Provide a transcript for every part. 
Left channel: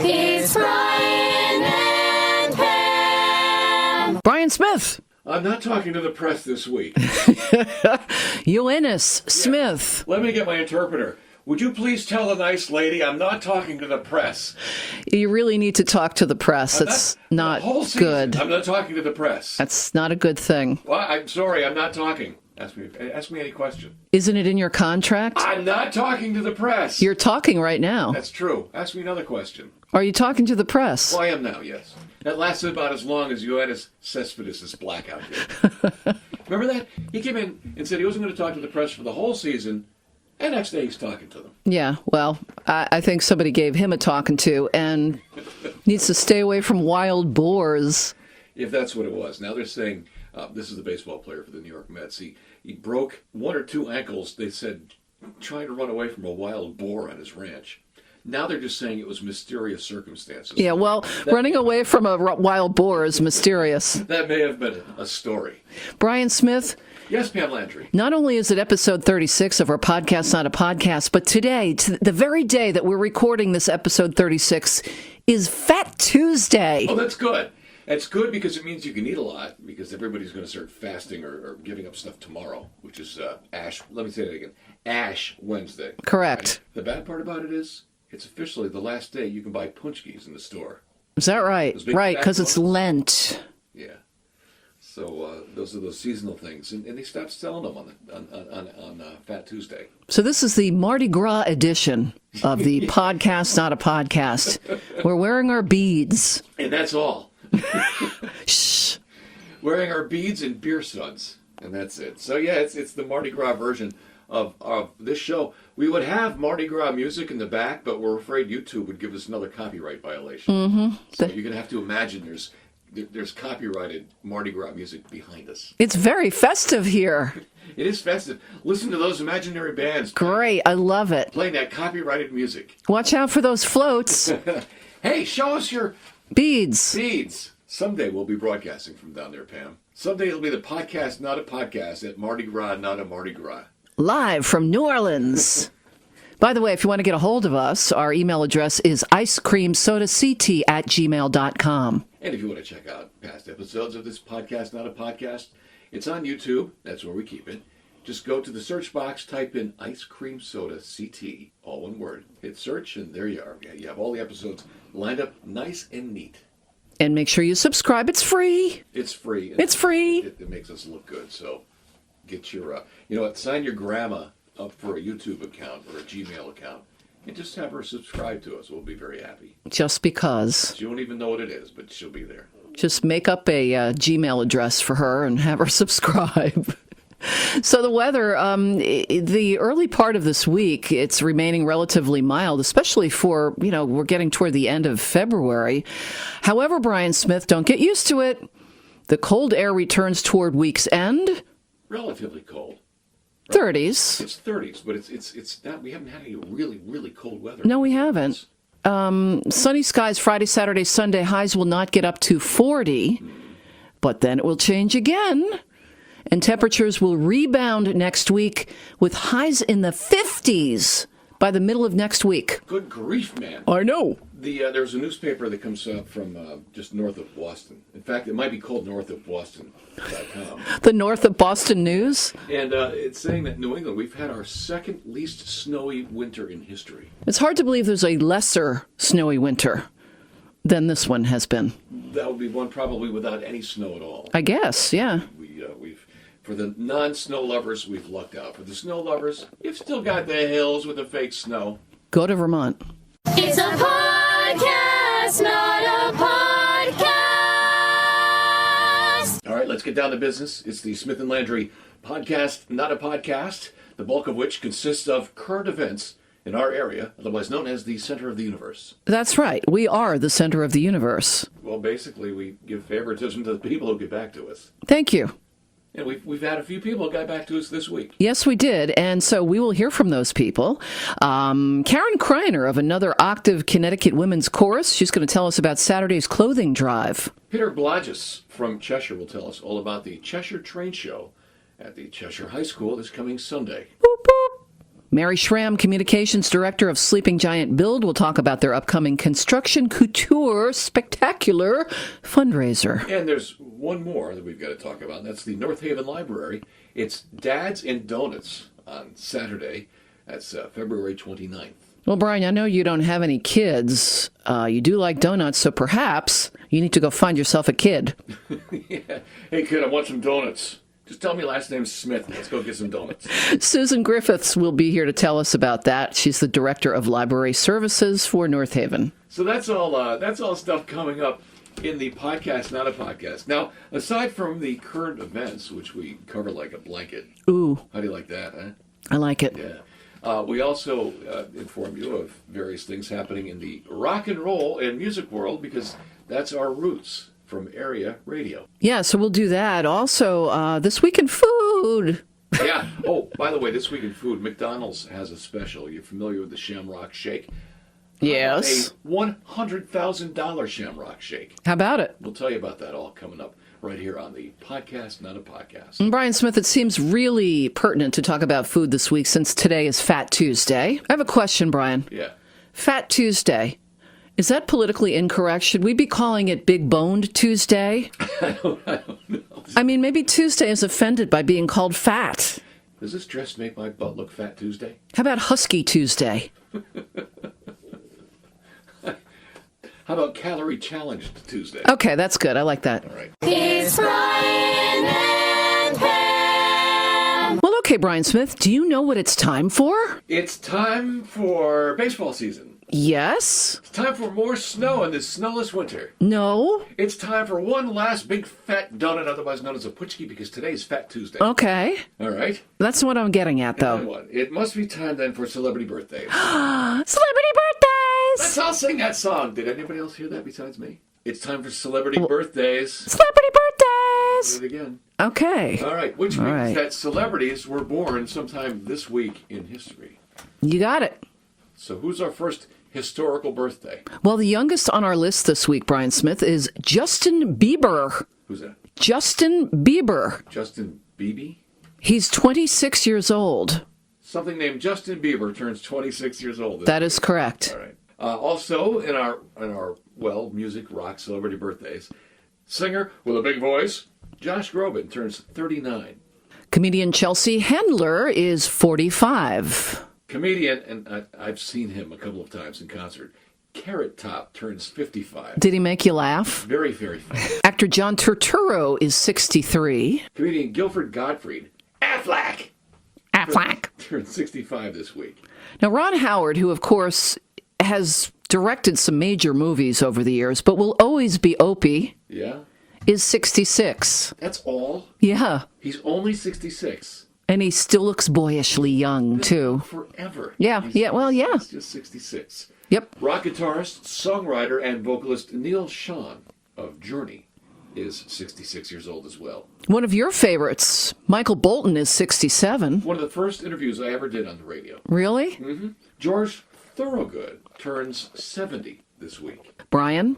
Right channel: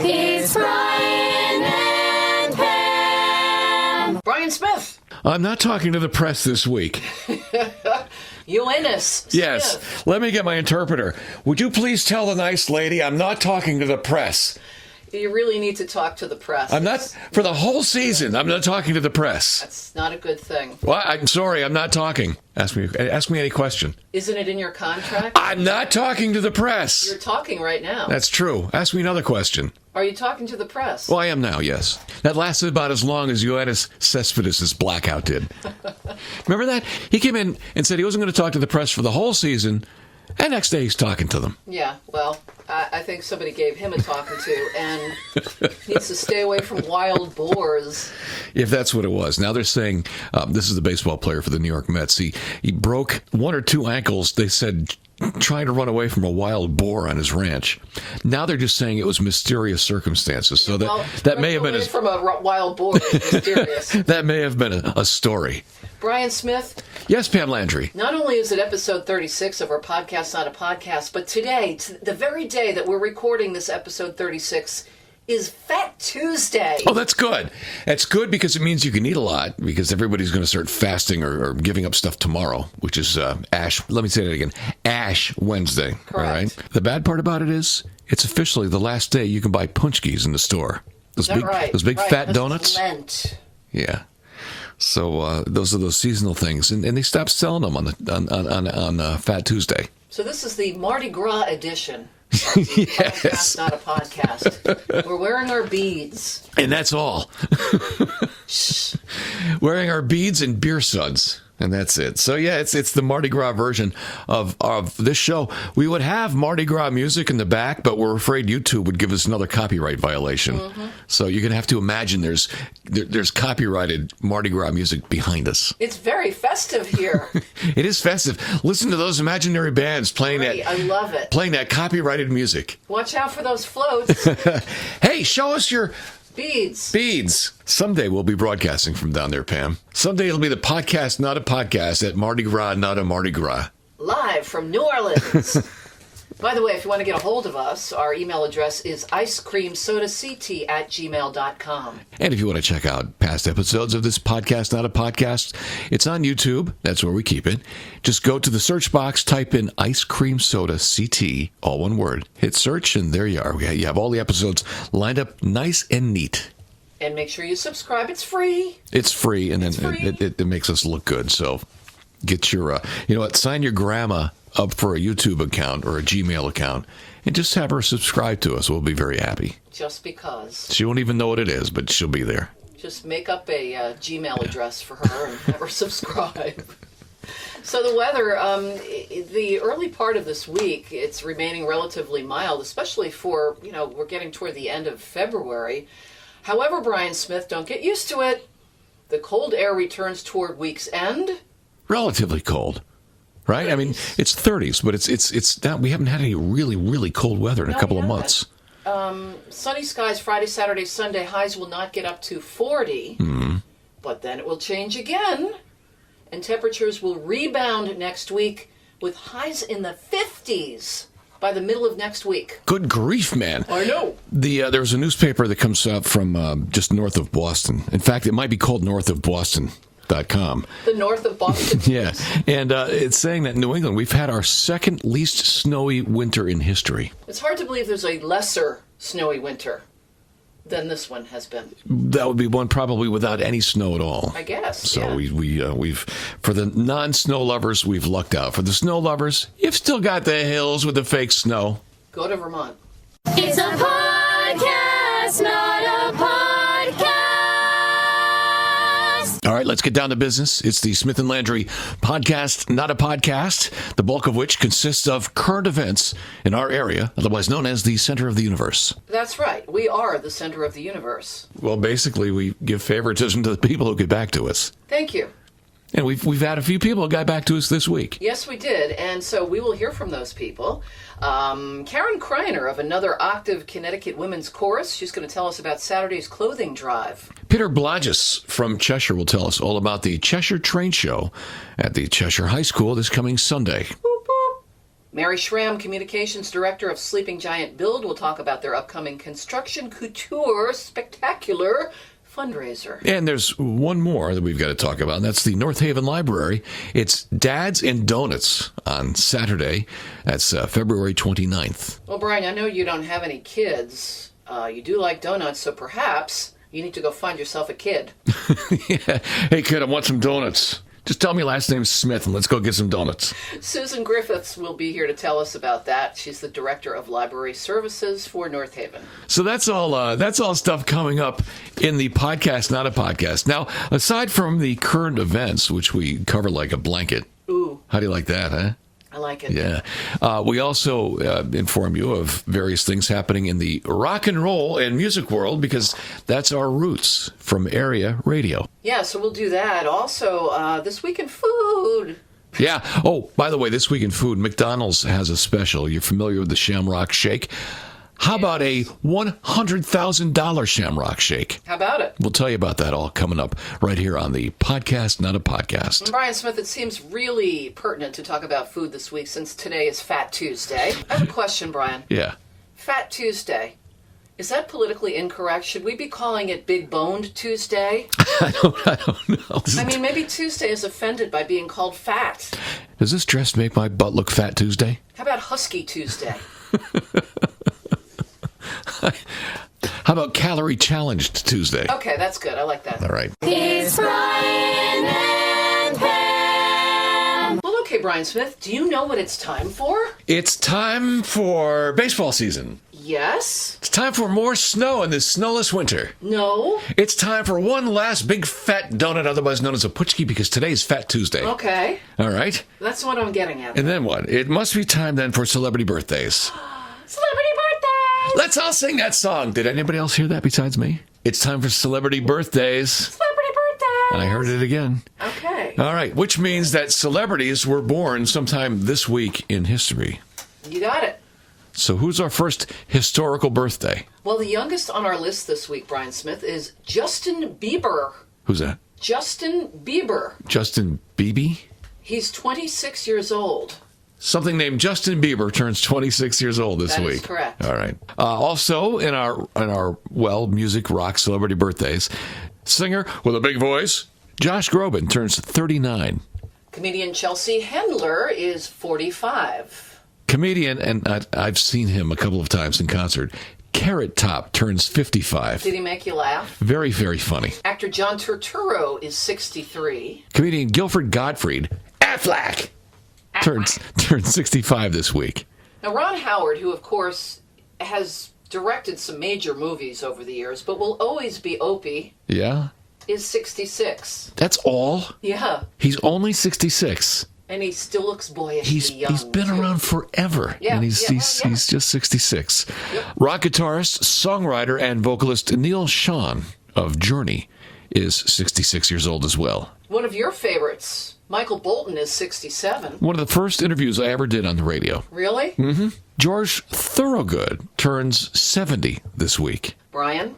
It's Brian and Pam. Brian Smith. I'm not talking to the press this week. Eunice Smith. Yes. Let me get my interpreter. Would you please tell the nice lady I'm not talking to the press? You really need to talk to the press. I'm not, for the whole season, good. I'm not talking to the press. That's not a good thing. Well, I'm sorry, I'm not talking. Ask me any question. Isn't it in your contract? I'm not talking to the press. You're talking right now. That's true. Ask me another question. Are you talking to the press? Well, I am now, yes. That lasted about as long as Ioannis Cespedes' blackout did. Remember that? He came in and said he wasn't going to talk to the press for the whole season, and next day he's talking to them. Yeah, well, I think somebody gave him a talking to and needs to stay away from wild boars. If that's what it was. Now they're saying, this is the baseball player for the New York Mets. He broke one or two ankles, they said, trying to run away from a wild boar on his ranch. Now they're just saying it was mysterious circumstances. Yeah, so well, that running away from a wild boar is mysterious. That may have been a story. Brian Smith. Yes, Pam Landry. Not only is it episode 36 of our podcast, Not a Podcast, but today, the very day that we're recording this episode 36, is Fat Tuesday. Oh, that's good. That's good because it means you can eat a lot, because everybody's going to start fasting or giving up stuff tomorrow, which is Ash. Let me say that again. Ash Wednesday. Correct. All right? The bad part about it is it's officially the last day you can buy punchkis in the store. Is that right? Those big right, fat donuts. because it's Lent. Yeah. So those are those seasonal things, and they stopped selling them on Fat Tuesday. So this is the Mardi Gras edition of the Yes. podcast, Not a Podcast. We're wearing our beads. And that's all. Shh. Wearing our beads and beer suds. And that's it. So, yeah, it's the Mardi Gras version of this show. We would have Mardi Gras music in the back, but we're afraid YouTube would give us another copyright violation. Mm-hmm. So you're going to have to imagine there's copyrighted Mardi Gras music behind us. It's very festive here. It is festive. Listen to those imaginary bands playing Great, I love it. Playing that copyrighted music. Watch out for those floats. Hey, show us your... Beads. Someday we'll be broadcasting from down there, Pam. Someday it'll be the podcast, Not a Podcast, at Mardi Gras, Not a Mardi Gras. Live from New Orleans. By the way, if you want to get a hold of us, our email address is icecreamsodact@gmail.com. And if you want to check out past episodes of this podcast, Not a Podcast, it's on YouTube. That's where we keep it. Just go to the search box, type in Ice Cream Soda CT, all one word. Hit search, and there you are. You have all the episodes lined up nice and neat. And make sure you subscribe. It's free. It's free. And it's free. It makes us look good. So get your, sign your grandma up for a YouTube account or a Gmail account and just have her subscribe to us. We'll be very happy. Just because. She won't even know what it is, but she'll be there. Just make up a Gmail address for her and have her subscribe. So the weather, the early part of this week, it's remaining relatively mild, especially for, we're getting toward the end of February. However, Brian Smith, don't get used to it. The cold air returns toward week's end. Relatively cold. Right? 30s. I mean, it's 30s, but it's not, we haven't had any really, really cold weather in a couple of months. Sunny skies Friday, Saturday, Sunday. Highs will not get up to 40, but then it will change again. And temperatures will rebound next week with highs in the 50s by the middle of next week. Good grief, man. I know. There's a newspaper that comes out from just north of Boston. In fact, it might be called northofboston.com. The North of Boston News? Yeah. And it's saying that in New England, we've had our second least snowy winter in history. It's hard to believe there's a lesser snowy winter than this one has been. That would be one probably without any snow at all. I guess, so yeah. We've for the non-snow lovers, we've lucked out. For the snow lovers, you've still got the hills with the fake snow. Go to Vermont. It's a podcast, not a podcast. All right, let's get down to business. It's the Smith and Landry podcast, not a podcast, the bulk of which consists of current events in our area, otherwise known as the center of the universe. That's right. We are the center of the universe. Well, basically, we give favoritism to the people who get back to us. Thank you. And we've had a few people who got back to us this week. Yes, we did. And so we will hear from those people. Karen Kriner of Another Octave Connecticut Women's Chorus. She's going to tell us about Saturday's clothing drive. Peter Blodgess from Cheshire will tell us all about the Cheshire Train Show at the Cheshire High School this coming Sunday. Boop, boop. Mary Schramm, Communications Director of Sleeping Giant Build, will talk about their upcoming Construction Couture Spectacular fundraiser. And there's one more that we've got to talk about, and that's the North Haven Library. It's Dads and Donuts on Saturday. That's February 29th. Well, Brian, I know you don't have any kids. You do like donuts, so perhaps you need to go find yourself a kid. Yeah. Hey, kid, I want some donuts. Just tell me last name's Smith, and let's go get some donuts. Susan Griffiths will be here to tell us about that. She's the Director of Library Services for North Haven. So that's all stuff coming up in the podcast, not a podcast. Now, aside from the current events, which we cover like a blanket. Ooh. How do you like that, huh? I like it. Yeah. We also inform you of various things happening in the rock and roll and music world, because that's our roots from area radio. Yeah, so we'll do that. Also, This Week in Food. Yeah. Oh, by the way, This Week in Food, McDonald's has a special. You're familiar with the Shamrock Shake? How about a $100,000 Shamrock Shake? How about it? We'll tell you about that all coming up right here on the podcast, not a podcast. Brian Smith, it seems really pertinent to talk about food this week since today is Fat Tuesday. I have a question, Brian. Yeah. Fat Tuesday. Is that politically incorrect? Should we be calling it Big Boned Tuesday? I don't know. I mean, maybe Tuesday is offended by being called fat. Does this dress make my butt look fat Tuesday? How about Husky Tuesday? How about Calorie Challenged Tuesday? Okay, that's good. I like that. All right. It's Brian and Pam. Well, okay, Brian Smith, do you know what it's time for? It's time for baseball season. Yes? It's time for more snow in this snowless winter. No? It's time for one last big fat donut, otherwise known as a putchki, because today's Fat Tuesday. Okay. All right. That's what I'm getting at, though. And then what? It must be time then for celebrity birthdays. Celebrity birthdays! Let's all sing that song. Did anybody else hear that besides me? It's time for celebrity birthdays. Celebrity birthdays! And I heard it again. Okay. All right, which means that celebrities were born sometime this week in history. You got it. So who's our first historical birthday? Well, the youngest on our list this week, Brian Smith, is Justin Bieber. Who's that? Justin Bieber. Justin Bieber? He's 26 years old. Something named Justin Bieber turns 26 years old this week. That is correct. All right. Also, in our music, rock, celebrity birthdays, singer with a big voice, Josh Groban turns 39. Comedian Chelsea Handler is 45. Comedian, and I've seen him a couple of times in concert, Carrot Top turns 55. Did he make you laugh? Very, very funny. Actor John Turturro is 63. Comedian Guilford Gottfried, Affleck, turns 65 this week. Now, Ron Howard, who, of course, has directed some major movies over the years, but will always be Opie, Yeah? is 66. That's all? Yeah. He's only 66. And he still looks boyishly young, he's been too. around forever. Yeah, and he's just 66. Yep. Rock guitarist, songwriter, and vocalist Neil Schon of Journey is 66 years old as well. One of your favorites, Michael Bolton, is 67. One of the first interviews I ever did on the radio. Really? Mm-hmm. George Thorogood turns 70 this week. Brian,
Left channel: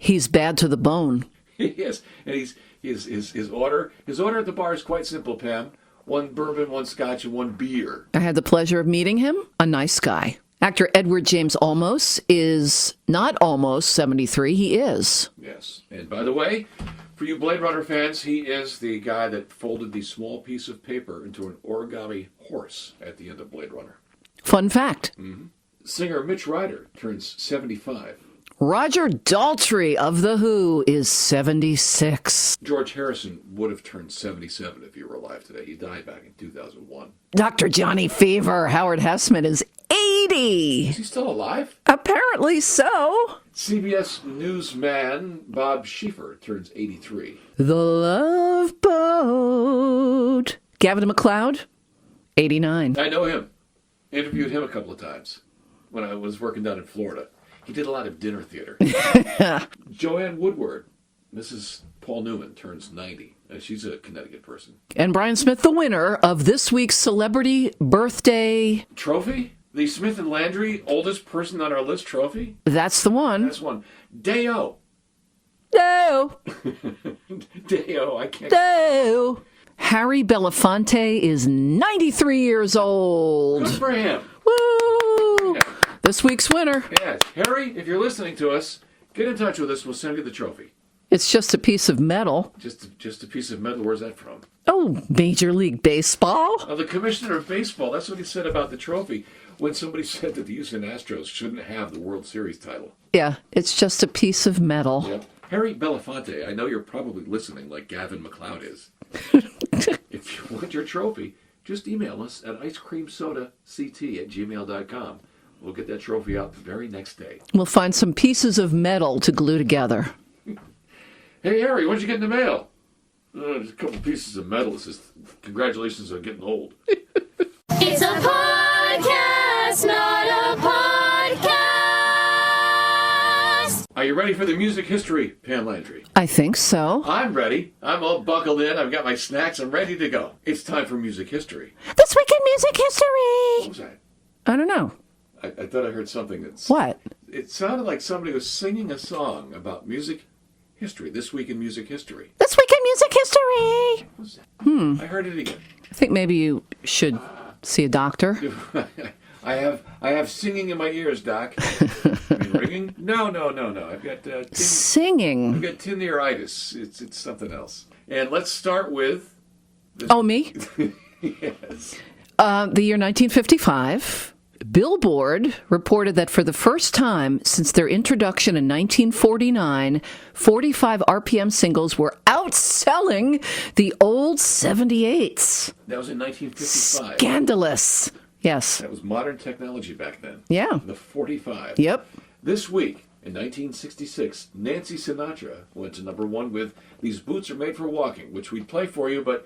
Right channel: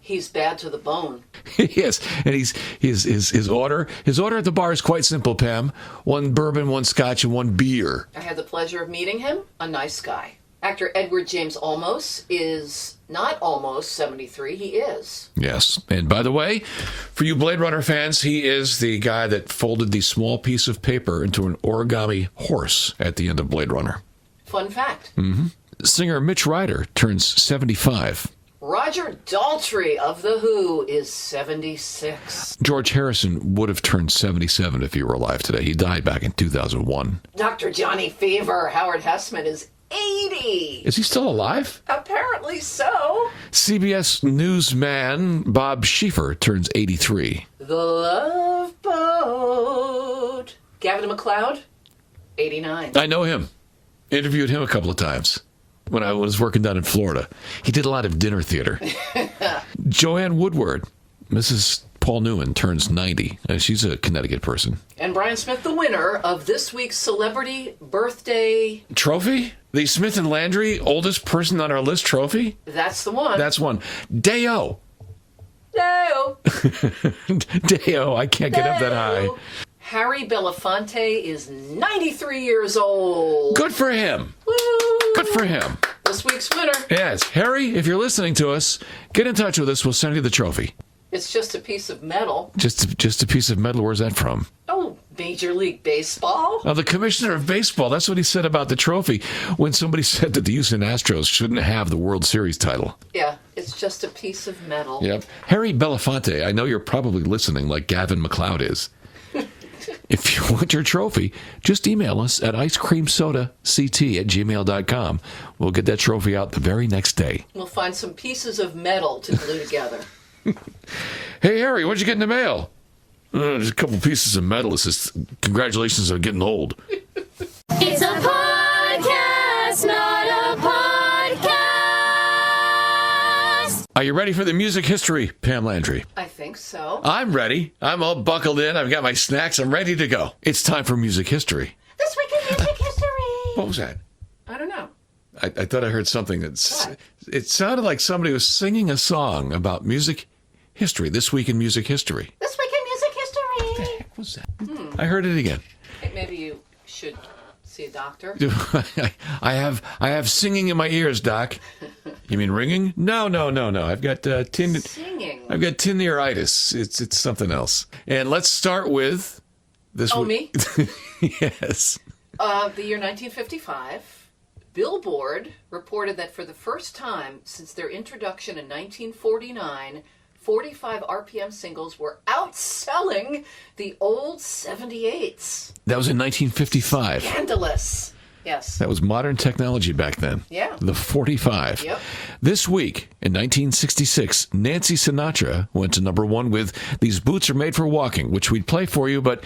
he's bad to the bone. Yes, and his order at the bar is quite simple, Pam. One bourbon, one scotch, and one beer. I had the pleasure of meeting him. A nice guy. Actor Edward James Olmos is not almost 73. He is. Yes. And by the way, for you Blade Runner fans, he is the guy that folded the small piece of paper into an origami horse at the end of Blade Runner. Fun fact. Mm-hmm. Singer Mitch Ryder turns 75. Roger Daltrey of The Who is 76. George Harrison would have turned 77 if he were alive today. He died back in 2001. Dr. Johnny Fever, Howard Hessman, is 80. Is he still alive? Apparently so. CBS newsman Bob Schieffer turns 83. The Love Boat. Gavin MacLeod, 89. I know him. Interviewed him a couple of times when I was working down in Florida. He did a lot of dinner theater. Joanne Woodward, Mrs. Paul Newman, turns 90. She's a Connecticut person. And Brian Smith, the winner of this week's Celebrity Birthday Trophy? The Smith and Landry oldest person on our list trophy? That's the one. That's one. Deo. No. Deo. I can't get up that high. Harry Belafonte is 93 years old. Good for him. Woo! Good for him. This week's winner. Yes. Harry, if you're listening to us, get in touch with us. We'll send you the trophy. It's just a piece of metal. Just a piece of metal. Where's that from? Oh, Major League Baseball? The commissioner of baseball, that's what he said about the trophy when somebody said that the Houston Astros shouldn't have the World Series title. Yeah, it's just a piece of metal. Yep. Harry Belafonte, I know you're probably listening like Gavin McLeod is. If you want your trophy, just email us at icecreamsodact@gmail.com. We'll get that trophy out the very next day. We'll find some pieces of metal to glue together. Hey, Harry, what'd you get in the mail? Just a couple pieces of metal. It says, congratulations on getting old. It's a podcast, not a podcast. Are you ready for the music history, Pam Landry? I think so. I'm ready. I'm all buckled in. I've got my snacks. I'm ready to go. It's time for music history. This week in music history. What was that? I don't know. I thought I heard something that's... What? It sounded like somebody was singing a song about music history. This week in music history. This week in music history. What was that? I heard it again. I think maybe you should see a doctor. I have singing in my ears, Doc. You mean ringing? No. I've got Singing. I've got tinnitus. It's something else. And let's start with this. Oh, me? Yes. The year 1955. Billboard reported that for the first time since their introduction in 1949, 45 RPM singles were outselling the old 78s. That was in 1955. Scandalous. Yes. That was modern technology back then. Yeah. The 45. Yep. This week, in 1966, Nancy Sinatra went to number one with These Boots Are Made for Walking, which we'd play for you, but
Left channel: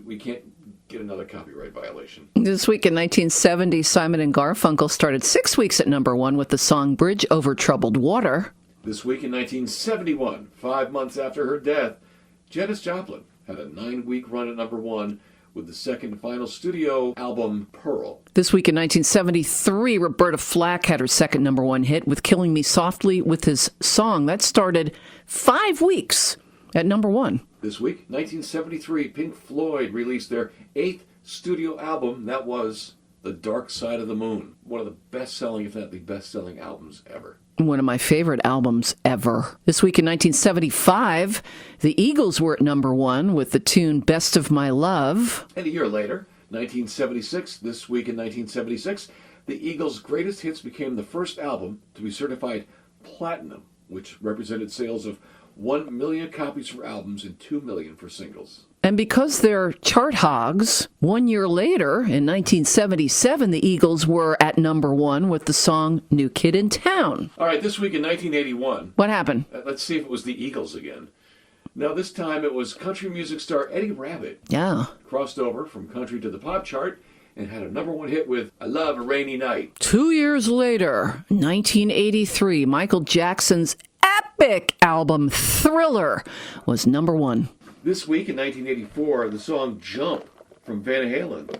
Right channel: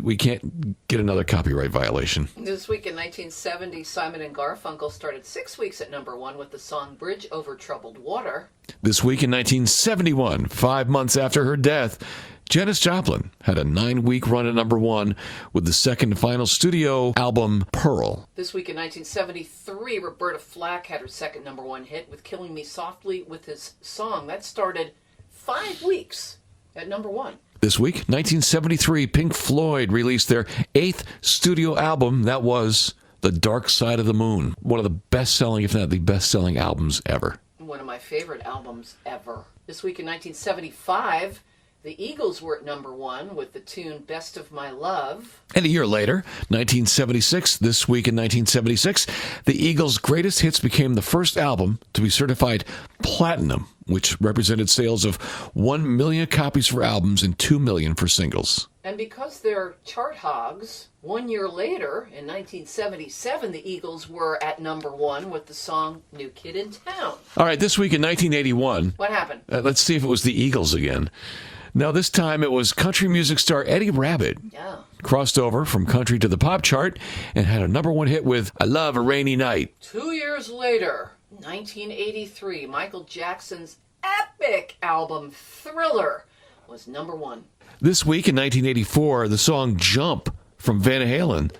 we can't get another copyright violation. This week in 1970, Simon and Garfunkel started 6 weeks at number one with the song Bridge Over Troubled Water. This week in 1971, 5 months after her death, Janis Joplin had a 9-week run at number one with the second and final studio album, Pearl. This week in 1973, Roberta Flack had her second number one hit with Killing Me Softly with his song. That started 5 weeks at number one. This week, 1973, Pink Floyd released their 8th studio album. That was The Dark Side of the Moon. One of the best-selling, if not the best-selling albums ever. One of my favorite albums ever. This week in 1975, the Eagles were at number one with the tune Best of My Love. And a year later, 1976, this week in 1976, the Eagles' greatest hits became the first album to be certified platinum, which represented sales of 1 million copies for albums and 2 million for singles. And because they're chart hogs, 1 year later, in 1977, the Eagles were at number one with the song New Kid in Town. All right, this week in 1981... What happened? Let's see if it was the Eagles again. Now, this time it was country music star Eddie Rabbitt. Yeah. Crossed over from country to the pop chart and had a number one hit with I Love a Rainy Night. 2 years later, 1983, Michael Jackson's epic album Thriller was number one. This week in 1984, the song Jump from Van Halen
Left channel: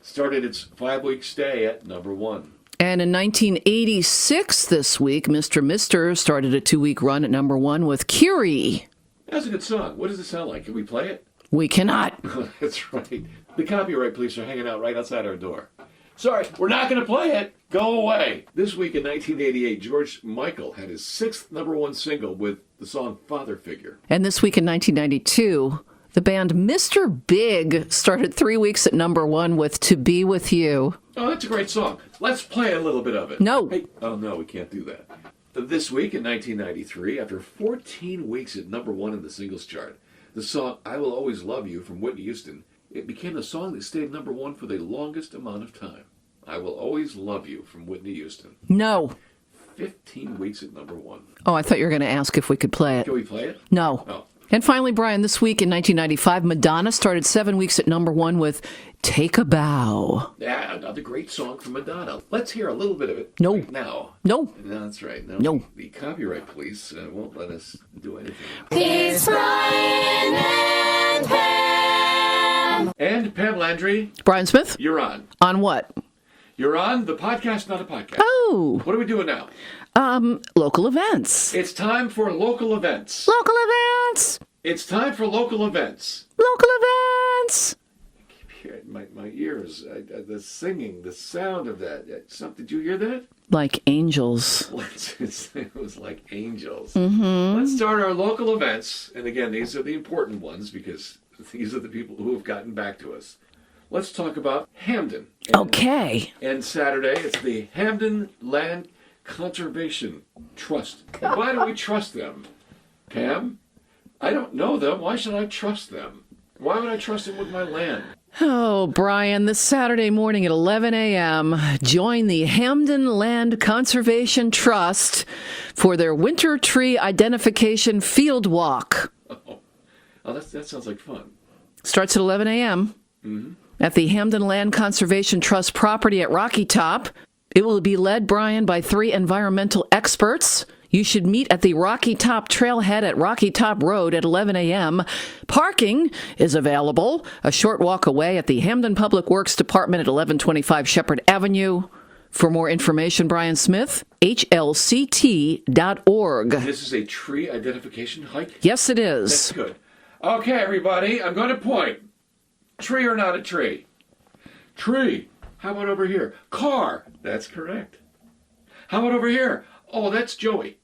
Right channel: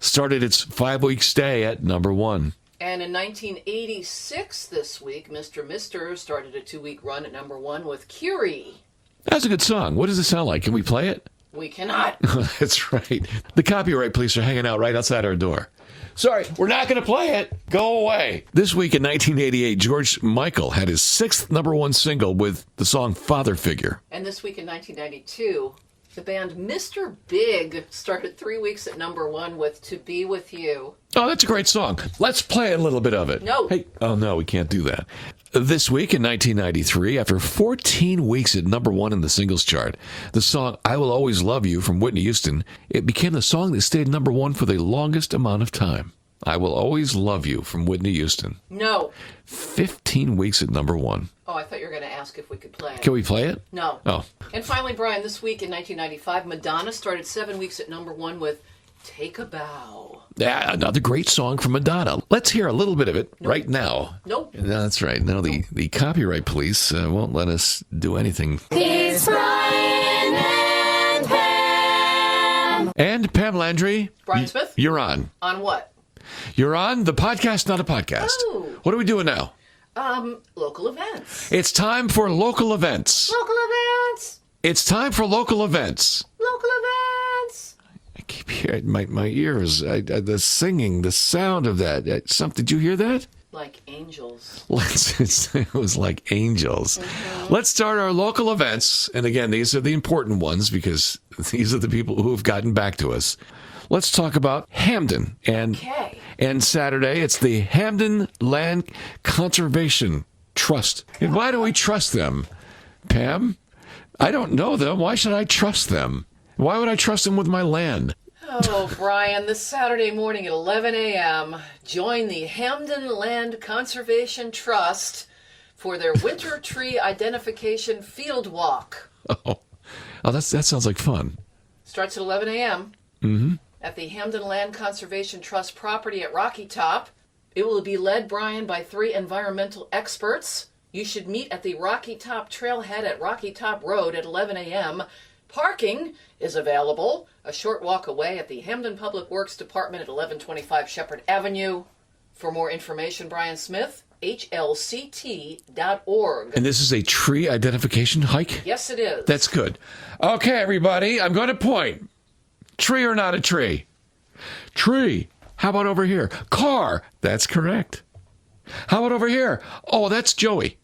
started its 5-week stay at number one. And in 1986, this week, Mr. Mister started a 2-week run at number one with Curie. That's a good song. What does it sound like? Can we play it? We cannot. That's right. The copyright police are hanging out right outside our door. Sorry, we're not going to play it. Go away. This week in 1988, George Michael had his 6th number one single with the song Father Figure. And this week in 1992, the band Mr. Big started 3 weeks at number one with To Be With You. Oh, that's a great song. Let's play a little bit of it. No. Hey, oh, no, we can't do that. This week in 1993, after 14 weeks at number one in the singles chart, the song I Will Always Love You from Whitney Houston, it became the song that stayed number one for the longest amount of time. I Will Always Love You from Whitney Houston. No. 15 weeks at number one. Oh, I thought you were going to ask if we could play it. Can we play it? No. Oh. And finally, Brian, this week in 1995, Madonna started 7 weeks at number one with Take a Bow. Yeah, another great song from Madonna. Let's hear a little bit of it right now. No. That's right. No, the copyright police won't let us do anything. It's Brian and Pam. And Pam Landry. Brian Smith? You're on. On what? You're on the podcast, not a podcast. Oh. What are we doing now? Local events. It's time for local events. Local events. It's time for local events. Local events. What? I keep hearing my ears. The singing, the sound of that. Did you hear that? Like angels. It was like angels. Mm-hmm. Let's start our local events. And again, these are the important ones because these are the people who have gotten back to us. Let's talk about Hamden. Okay. And Saturday, it's the Hamden Land Conservation Trust. And why do we trust them, Pam? I don't know them. Why should I trust them? Why would I trust them with my land? Oh, Brian, this Saturday morning at 11 a.m., join the Hamden Land Conservation Trust for their Winter Tree Identification Field Walk. Oh, that sounds like fun. Starts at 11 a.m. Mm-hmm. At the Hamden Land Conservation Trust property at Rocky Top. It will be led, Brian, by 3 environmental experts. You should meet at the Rocky Top Trailhead at Rocky Top Road at 11 a.m. Parking is available a short walk away at the Hamden Public Works Department at 1125 Shepherd Avenue. For more information, Brian Smith, hlct.org. And this is a tree identification hike? Yes, it is. That's good. Okay, everybody, I'm going to point. Tree or not a tree? Tree. How about over here? Car. That's correct. How about over here? Oh, that's Joey.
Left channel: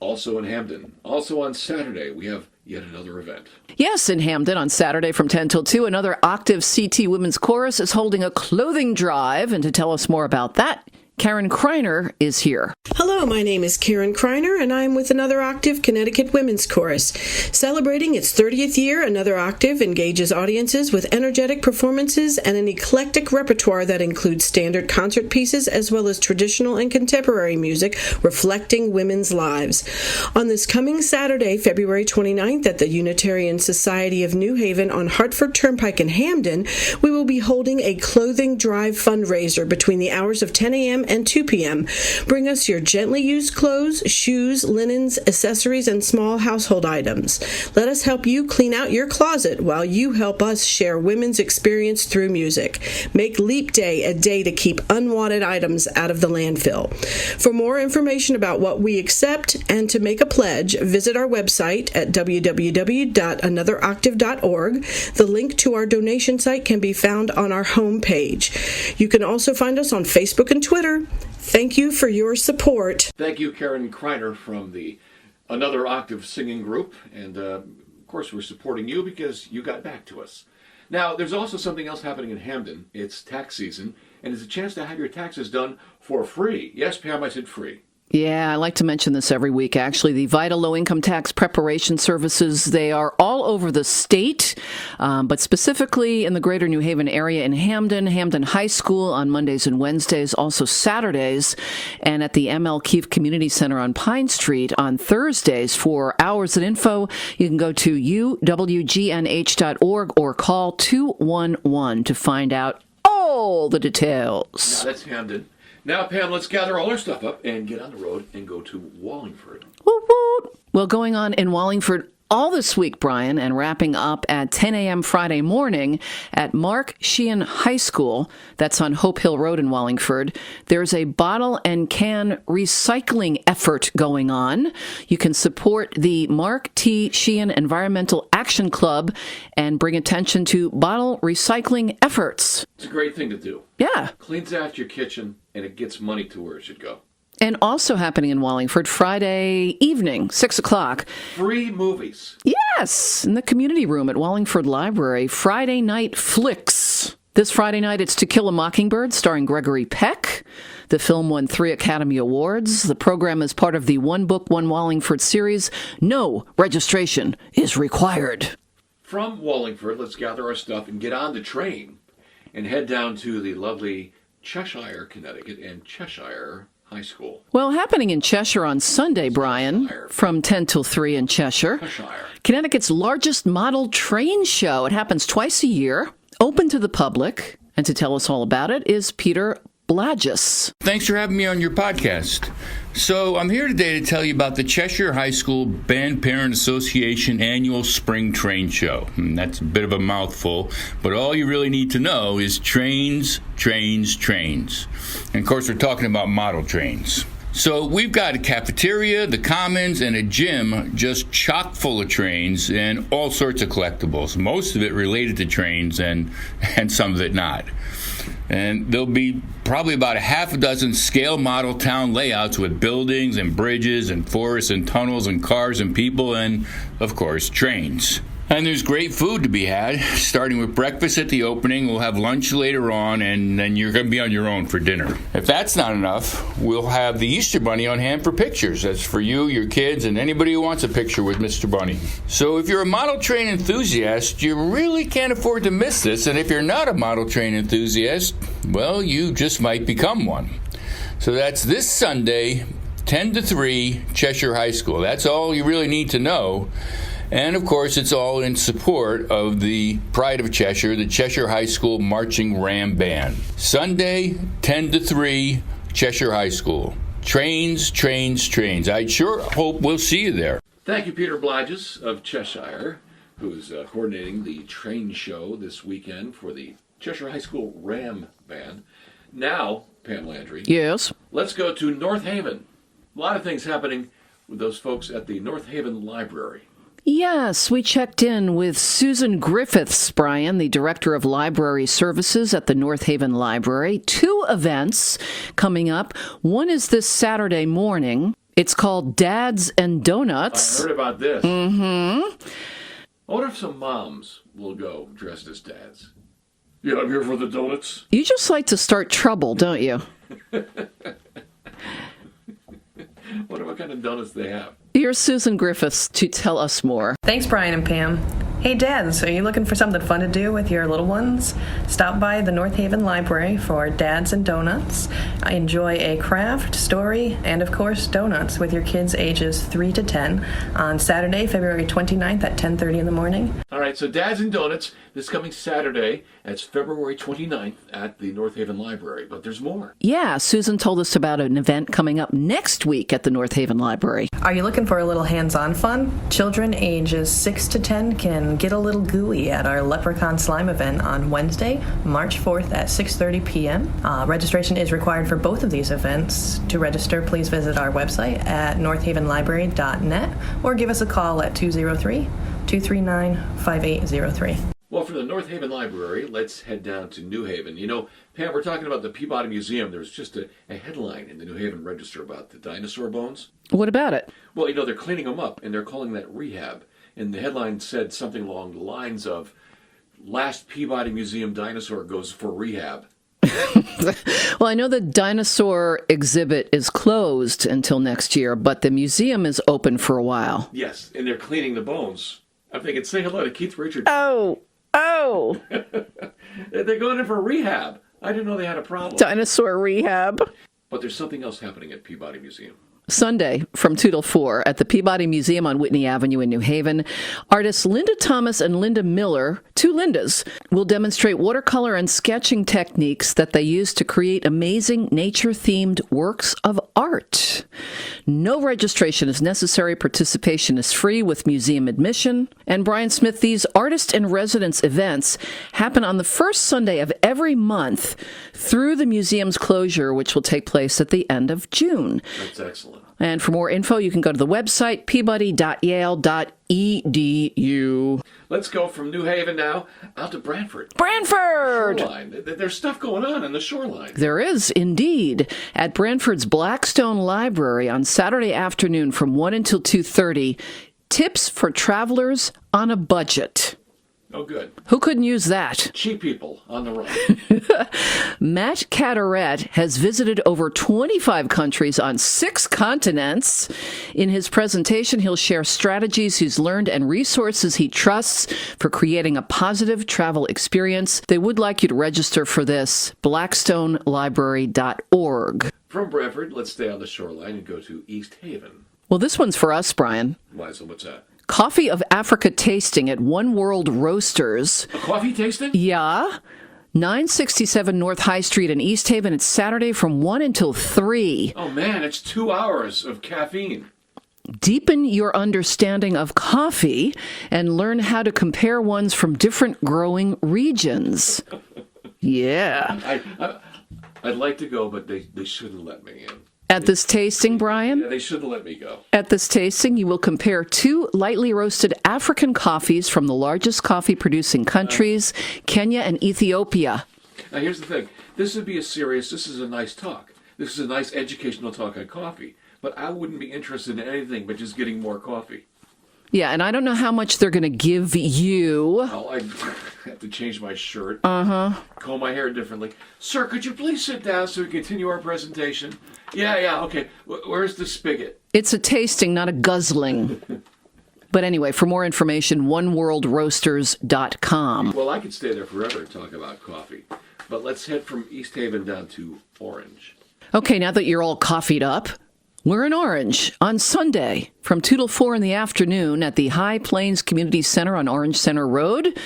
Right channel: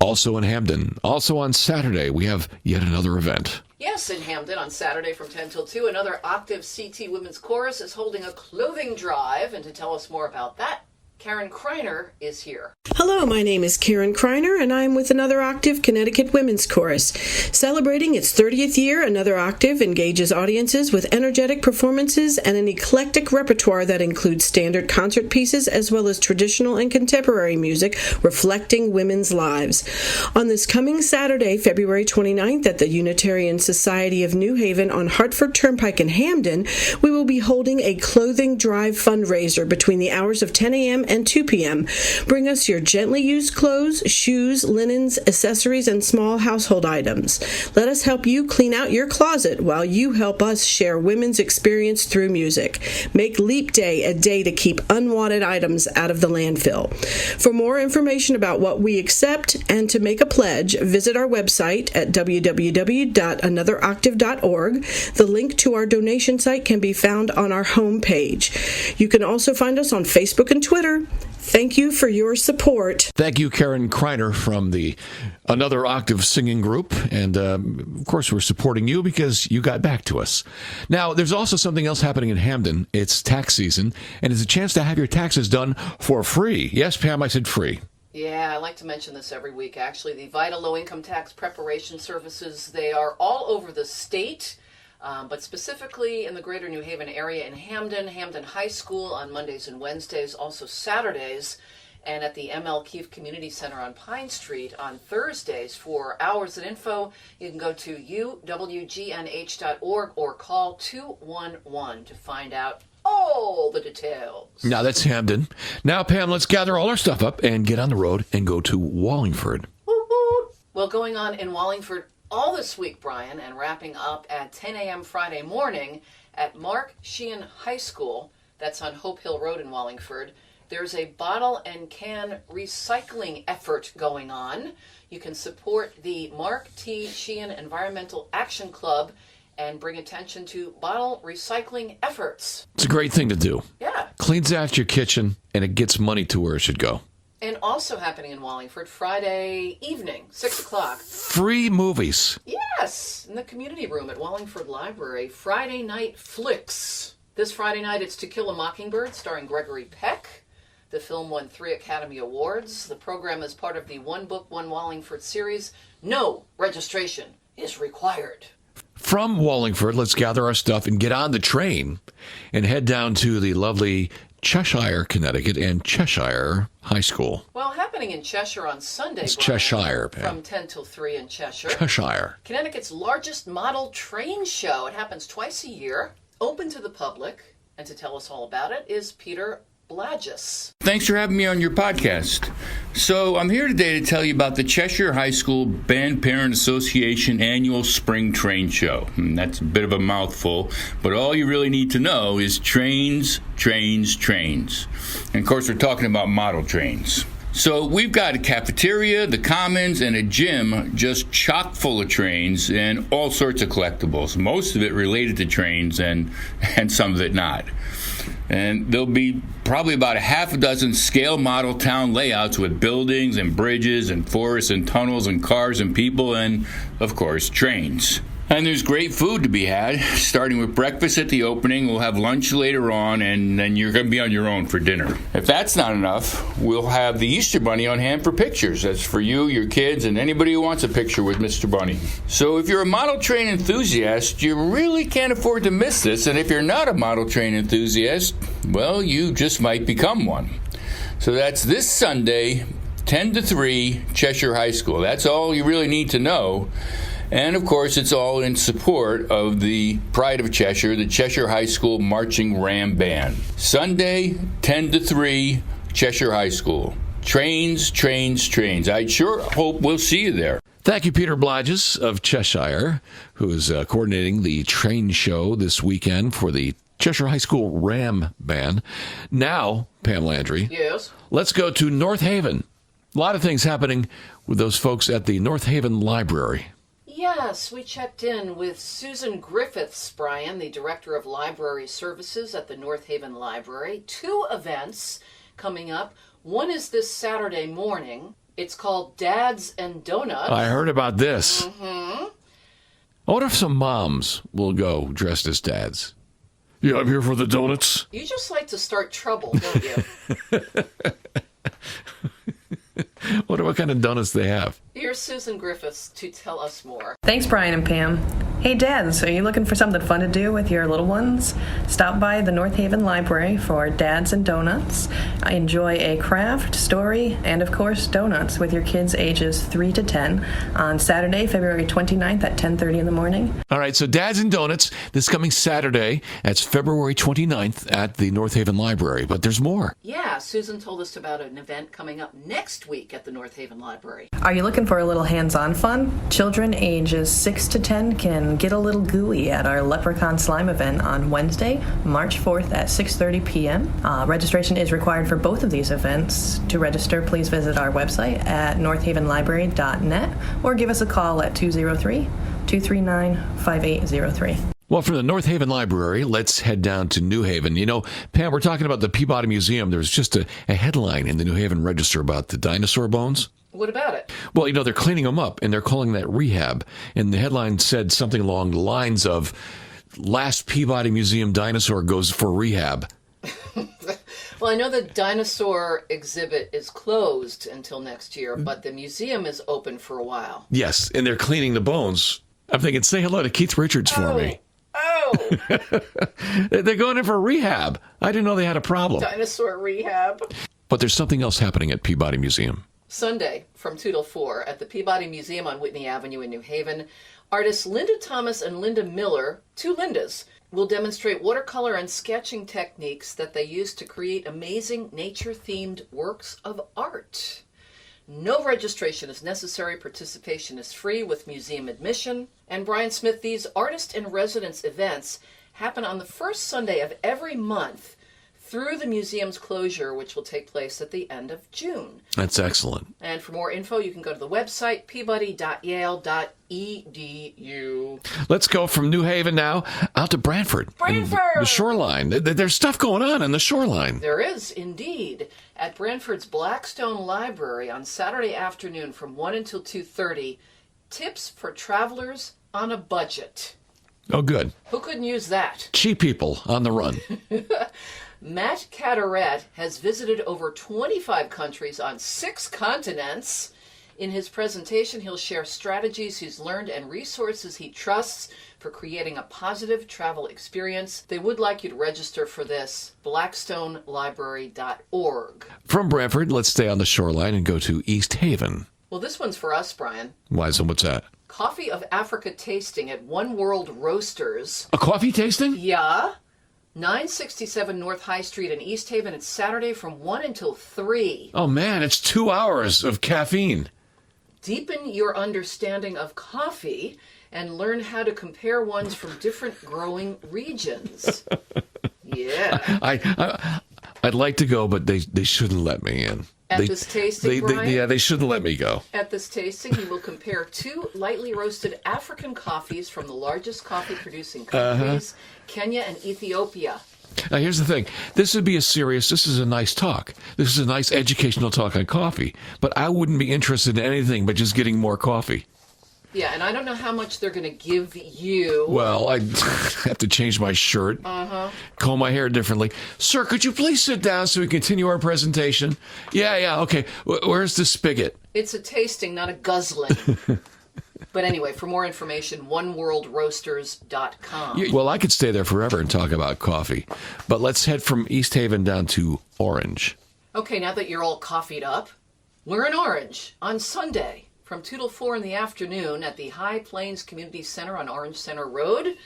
Also in Hamden, also on Saturday, we have yet another event. Yes, in Hamden on Saturday from 10 till 2, another Octave CT Women's Chorus is holding a clothing drive. And to tell us more about that, Karen Kriner is here. Hello, my name is Karen Kriner, and I'm with Another Octave Connecticut Women's Chorus. Celebrating its 30th year, Another Octave engages audiences with energetic performances and an eclectic repertoire that includes standard concert pieces as well as traditional and contemporary music reflecting women's lives. On this coming Saturday, February 29th, at the Unitarian Society of New Haven on Hartford Turnpike in Hamden, we will be holding a clothing drive fundraiser between the hours of 10 a.m. and 2 p.m. Bring us your gently used clothes, shoes, linens, accessories, and small household items. Let us help you clean out your closet while you help us share women's experience through music. Make Leap Day a day to keep unwanted items out of the landfill. For more information about what we accept and to make a pledge, visit our website at www.anotheroctave.org. The link to our donation site can be found on our homepage. You can also find us on Facebook and Twitter. Thank you for your support. Thank you, Karen Kriner from the Another Octave singing group. And, of course, we're supporting you because you got back to us. Now, there's also something else happening in Hamden. It's tax season, and it's a chance to have your taxes done for free. Yes, Pam, I said free. Yeah, I like to mention this every week, actually. The VITA low-income tax preparation services, they are all over the state, but specifically in the greater New Haven area in Hamden, Hamden High School on Mondays and Wednesdays, also Saturdays, and at the ML Keefe Community Center on Pine Street on Thursdays. For hours and info, you can go to uwgnh.org or call 211 to find out all the details. Now that's Hamden. Now, Pam, let's gather all our stuff up and get on the road and go to Wallingford. Woot woot. Well, going on in Wallingford all this week, Brian, and wrapping up at 10 a.m. Friday morning at Mark Sheehan High School. That's on Hope Hill Road in Wallingford. There's a bottle and can recycling effort going on. You can support the Mark T. Sheehan Environmental Action Club and bring attention to bottle recycling efforts. It's a great thing to do. Yeah. Cleans out your kitchen, and it gets money to where it should go. And also happening in Wallingford, Friday evening, 6 o'clock. Free movies. Yes, in the community room at Wallingford Library. Friday Night Flicks. This Friday night, it's To Kill a Mockingbird, starring Gregory Peck. The film won 3 Academy Awards. The program is part of the One Book, One Wallingford series. No registration is required. From Wallingford, let's gather our stuff and get on the train and head down to the lovely Cheshire, Connecticut, and Cheshire High School. Well, happening in Cheshire on Sunday, It's Brian, Cheshire, from 10 till 3 in Cheshire. Cheshire. Connecticut's largest model train show. It happens twice a year, open to the public. And to tell us all about it is Peter Blagis. Thanks for having me on your podcast. So I'm here today to tell you about the Cheshire High School Band Parent Association annual Spring Train Show. And that's a bit of a mouthful, but all you really need to know is trains, trains, trains. And of course, we're talking about model trains. So we've got a cafeteria, the commons, and a gym just chock full of trains and all sorts of collectibles. Most of it related to trains and some of it not. And there'll be probably about a half a dozen scale model town layouts with buildings and bridges and forests and tunnels and cars and people and, of course, trains. And there's great food to be had, starting with breakfast at the opening. We'll have lunch later on, and then you're going to be on your own for dinner. If that's not enough, we'll have the Easter Bunny on hand for pictures. That's for you, your kids, and anybody who wants a picture with Mr. Bunny. So if you're a model train enthusiast, you really can't afford to miss this. And if you're not a model train enthusiast, well, you just might become one. So that's this Sunday, 10 to 3, Cheshire High School. That's all you really need to know. And, of course, it's all in support of the Pride of Cheshire, the Cheshire High School Marching Ram Band. Sunday, 10 to 3, Cheshire High School. Trains, trains, trains. I sure hope we'll see you there. Thank you, Peter Bligis of Cheshire, who is coordinating the train show this weekend for the Cheshire High School Ram Band. Now, Pam Landry. Yes? Let's go to North Haven. A lot of things happening with those folks at the North Haven Library. Yes, we checked in with Susan Griffiths, Brian, the Director of Library Services at the North Haven Library. 2 events coming up. One is this Saturday morning. It's called Dads and Donuts. I heard about this. I wonder if some moms will go dressed as dads. Yeah, I'm here for the donuts. You just like to start trouble, don't you? Wonder what kind of donuts they have. Here's Susan Griffiths to tell us more. Thanks, Brian and Pam. Hey, dads, are you looking for something fun to do with your little ones? Stop by the North Haven Library for Dads and Donuts. Enjoy a craft, story, and, of course, donuts with your kids ages 3 to 10 on Saturday, February 29th at 10:30 in the morning. All right, so Dads and Donuts this coming Saturday. That's February 29th at the North Haven Library. But there's more. Yeah, Susan told us about an event coming up next week at the North Haven Library. Are you looking for a little hands-on fun? Children ages 6 to 10 can get a little gooey at our Leprechaun Slime event on Wednesday, March 4th at 6:30 p.m. Registration is required for both of these events. To register, please visit our website at northavenlibrary.net or give us a call at 203-239-5803. Well, from the North Haven Library, let's head down to New Haven. You know, Pam, we're talking about the Peabody Museum. There's just a headline in the New Haven Register about the dinosaur bones. What about it? Well, you know, they're cleaning them up, and they're calling that rehab. And the headline said something along the lines of, last Peabody Museum dinosaur goes for rehab. Well, I know the dinosaur exhibit is closed until next year, but the museum is open for a while. Yes, and they're cleaning the bones. I'm thinking, say hello to Keith Richards for me. Oh! They're going in for rehab. I didn't know they had a problem. Dinosaur rehab. But there's something else happening at Peabody Museum. Sunday from 2 till 4 at the Peabody Museum on Whitney Avenue in New Haven. Artists Linda Thomas and Linda Miller, 2 Lindas, will demonstrate watercolor and sketching techniques that they use to create amazing nature-themed works of art. No registration is necessary. Participation is free with museum admission. And Brian Smith, these artist-in-residence events happen on the first Sunday of every month through the museum's closure, which will take place at the end of June. That's excellent. And for more info, you can go to the website, peabody.yale.edu. Let's go from New Haven now out to Brantford. Brantford! The shoreline. There's stuff going on in the shoreline. There is, indeed. At Brantford's Blackstone Library on Saturday afternoon from 1 until 2:30, tips for travelers on a budget. Oh, good. Who couldn't use that? Cheap people on the run. Matt Carteret has visited over 25 countries on 6 continents. In his presentation, he'll share strategies he's learned and resources he trusts for creating a positive travel experience. They would like you to register for this, blackstonelibrary.org. From Brantford, let's stay on the shoreline and go to East Haven. Well, this one's for us, Brian. Why, so what's that? Coffee of Africa tasting at One World Roasters. A coffee tasting? Yeah. 967 North High Street in East Haven. It's Saturday from 1 until 3. Oh, man, it's 2 hours of caffeine. Deepen your understanding of coffee and learn how to compare ones from different growing regions. Yeah. I'd like to go, but they shouldn't let me in. At this tasting, Brian? Yeah, they shouldn't let me go. At this tasting, you will compare 2 lightly roasted African coffees from the largest coffee-producing countries, Kenya and Ethiopia. Now, here's the thing. This is a nice talk. This is a nice educational talk on coffee. But I wouldn't be interested in anything but just getting more coffee. Yeah, and I don't know how much they're going to give you. Well, I have to change my shirt, comb my hair differently. Sir, could you please sit down so we can continue our presentation? Yeah, okay. Where's the spigot? It's a tasting, not a guzzling. But anyway, for more information, oneworldroasters.com. Well, I could stay there forever and talk about coffee. But let's head from East Haven down to Orange. Okay, now that you're all coffeed up, we're in Orange on Sunday from 2 till 4 in the afternoon at the High Plains Community Center on Orange Center Road.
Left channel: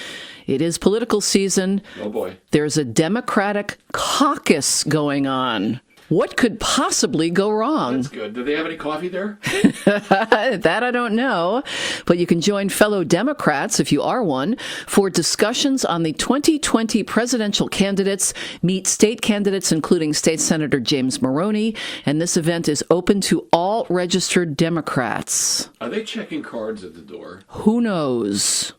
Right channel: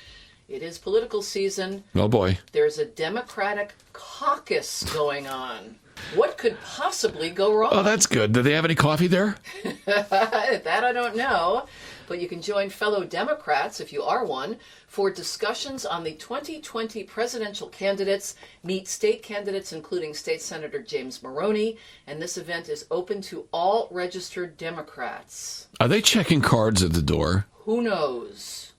It is political season. Oh, boy. There's a Democratic caucus going on. What could possibly go wrong? Oh, that's good. Do they have any coffee there? That I don't know. But you can join fellow Democrats, if you are one, for discussions on the 2020 presidential candidates, meet state candidates, including State Senator James Maroney, and this event is open to all registered Democrats. Are they checking cards at the door? Who knows?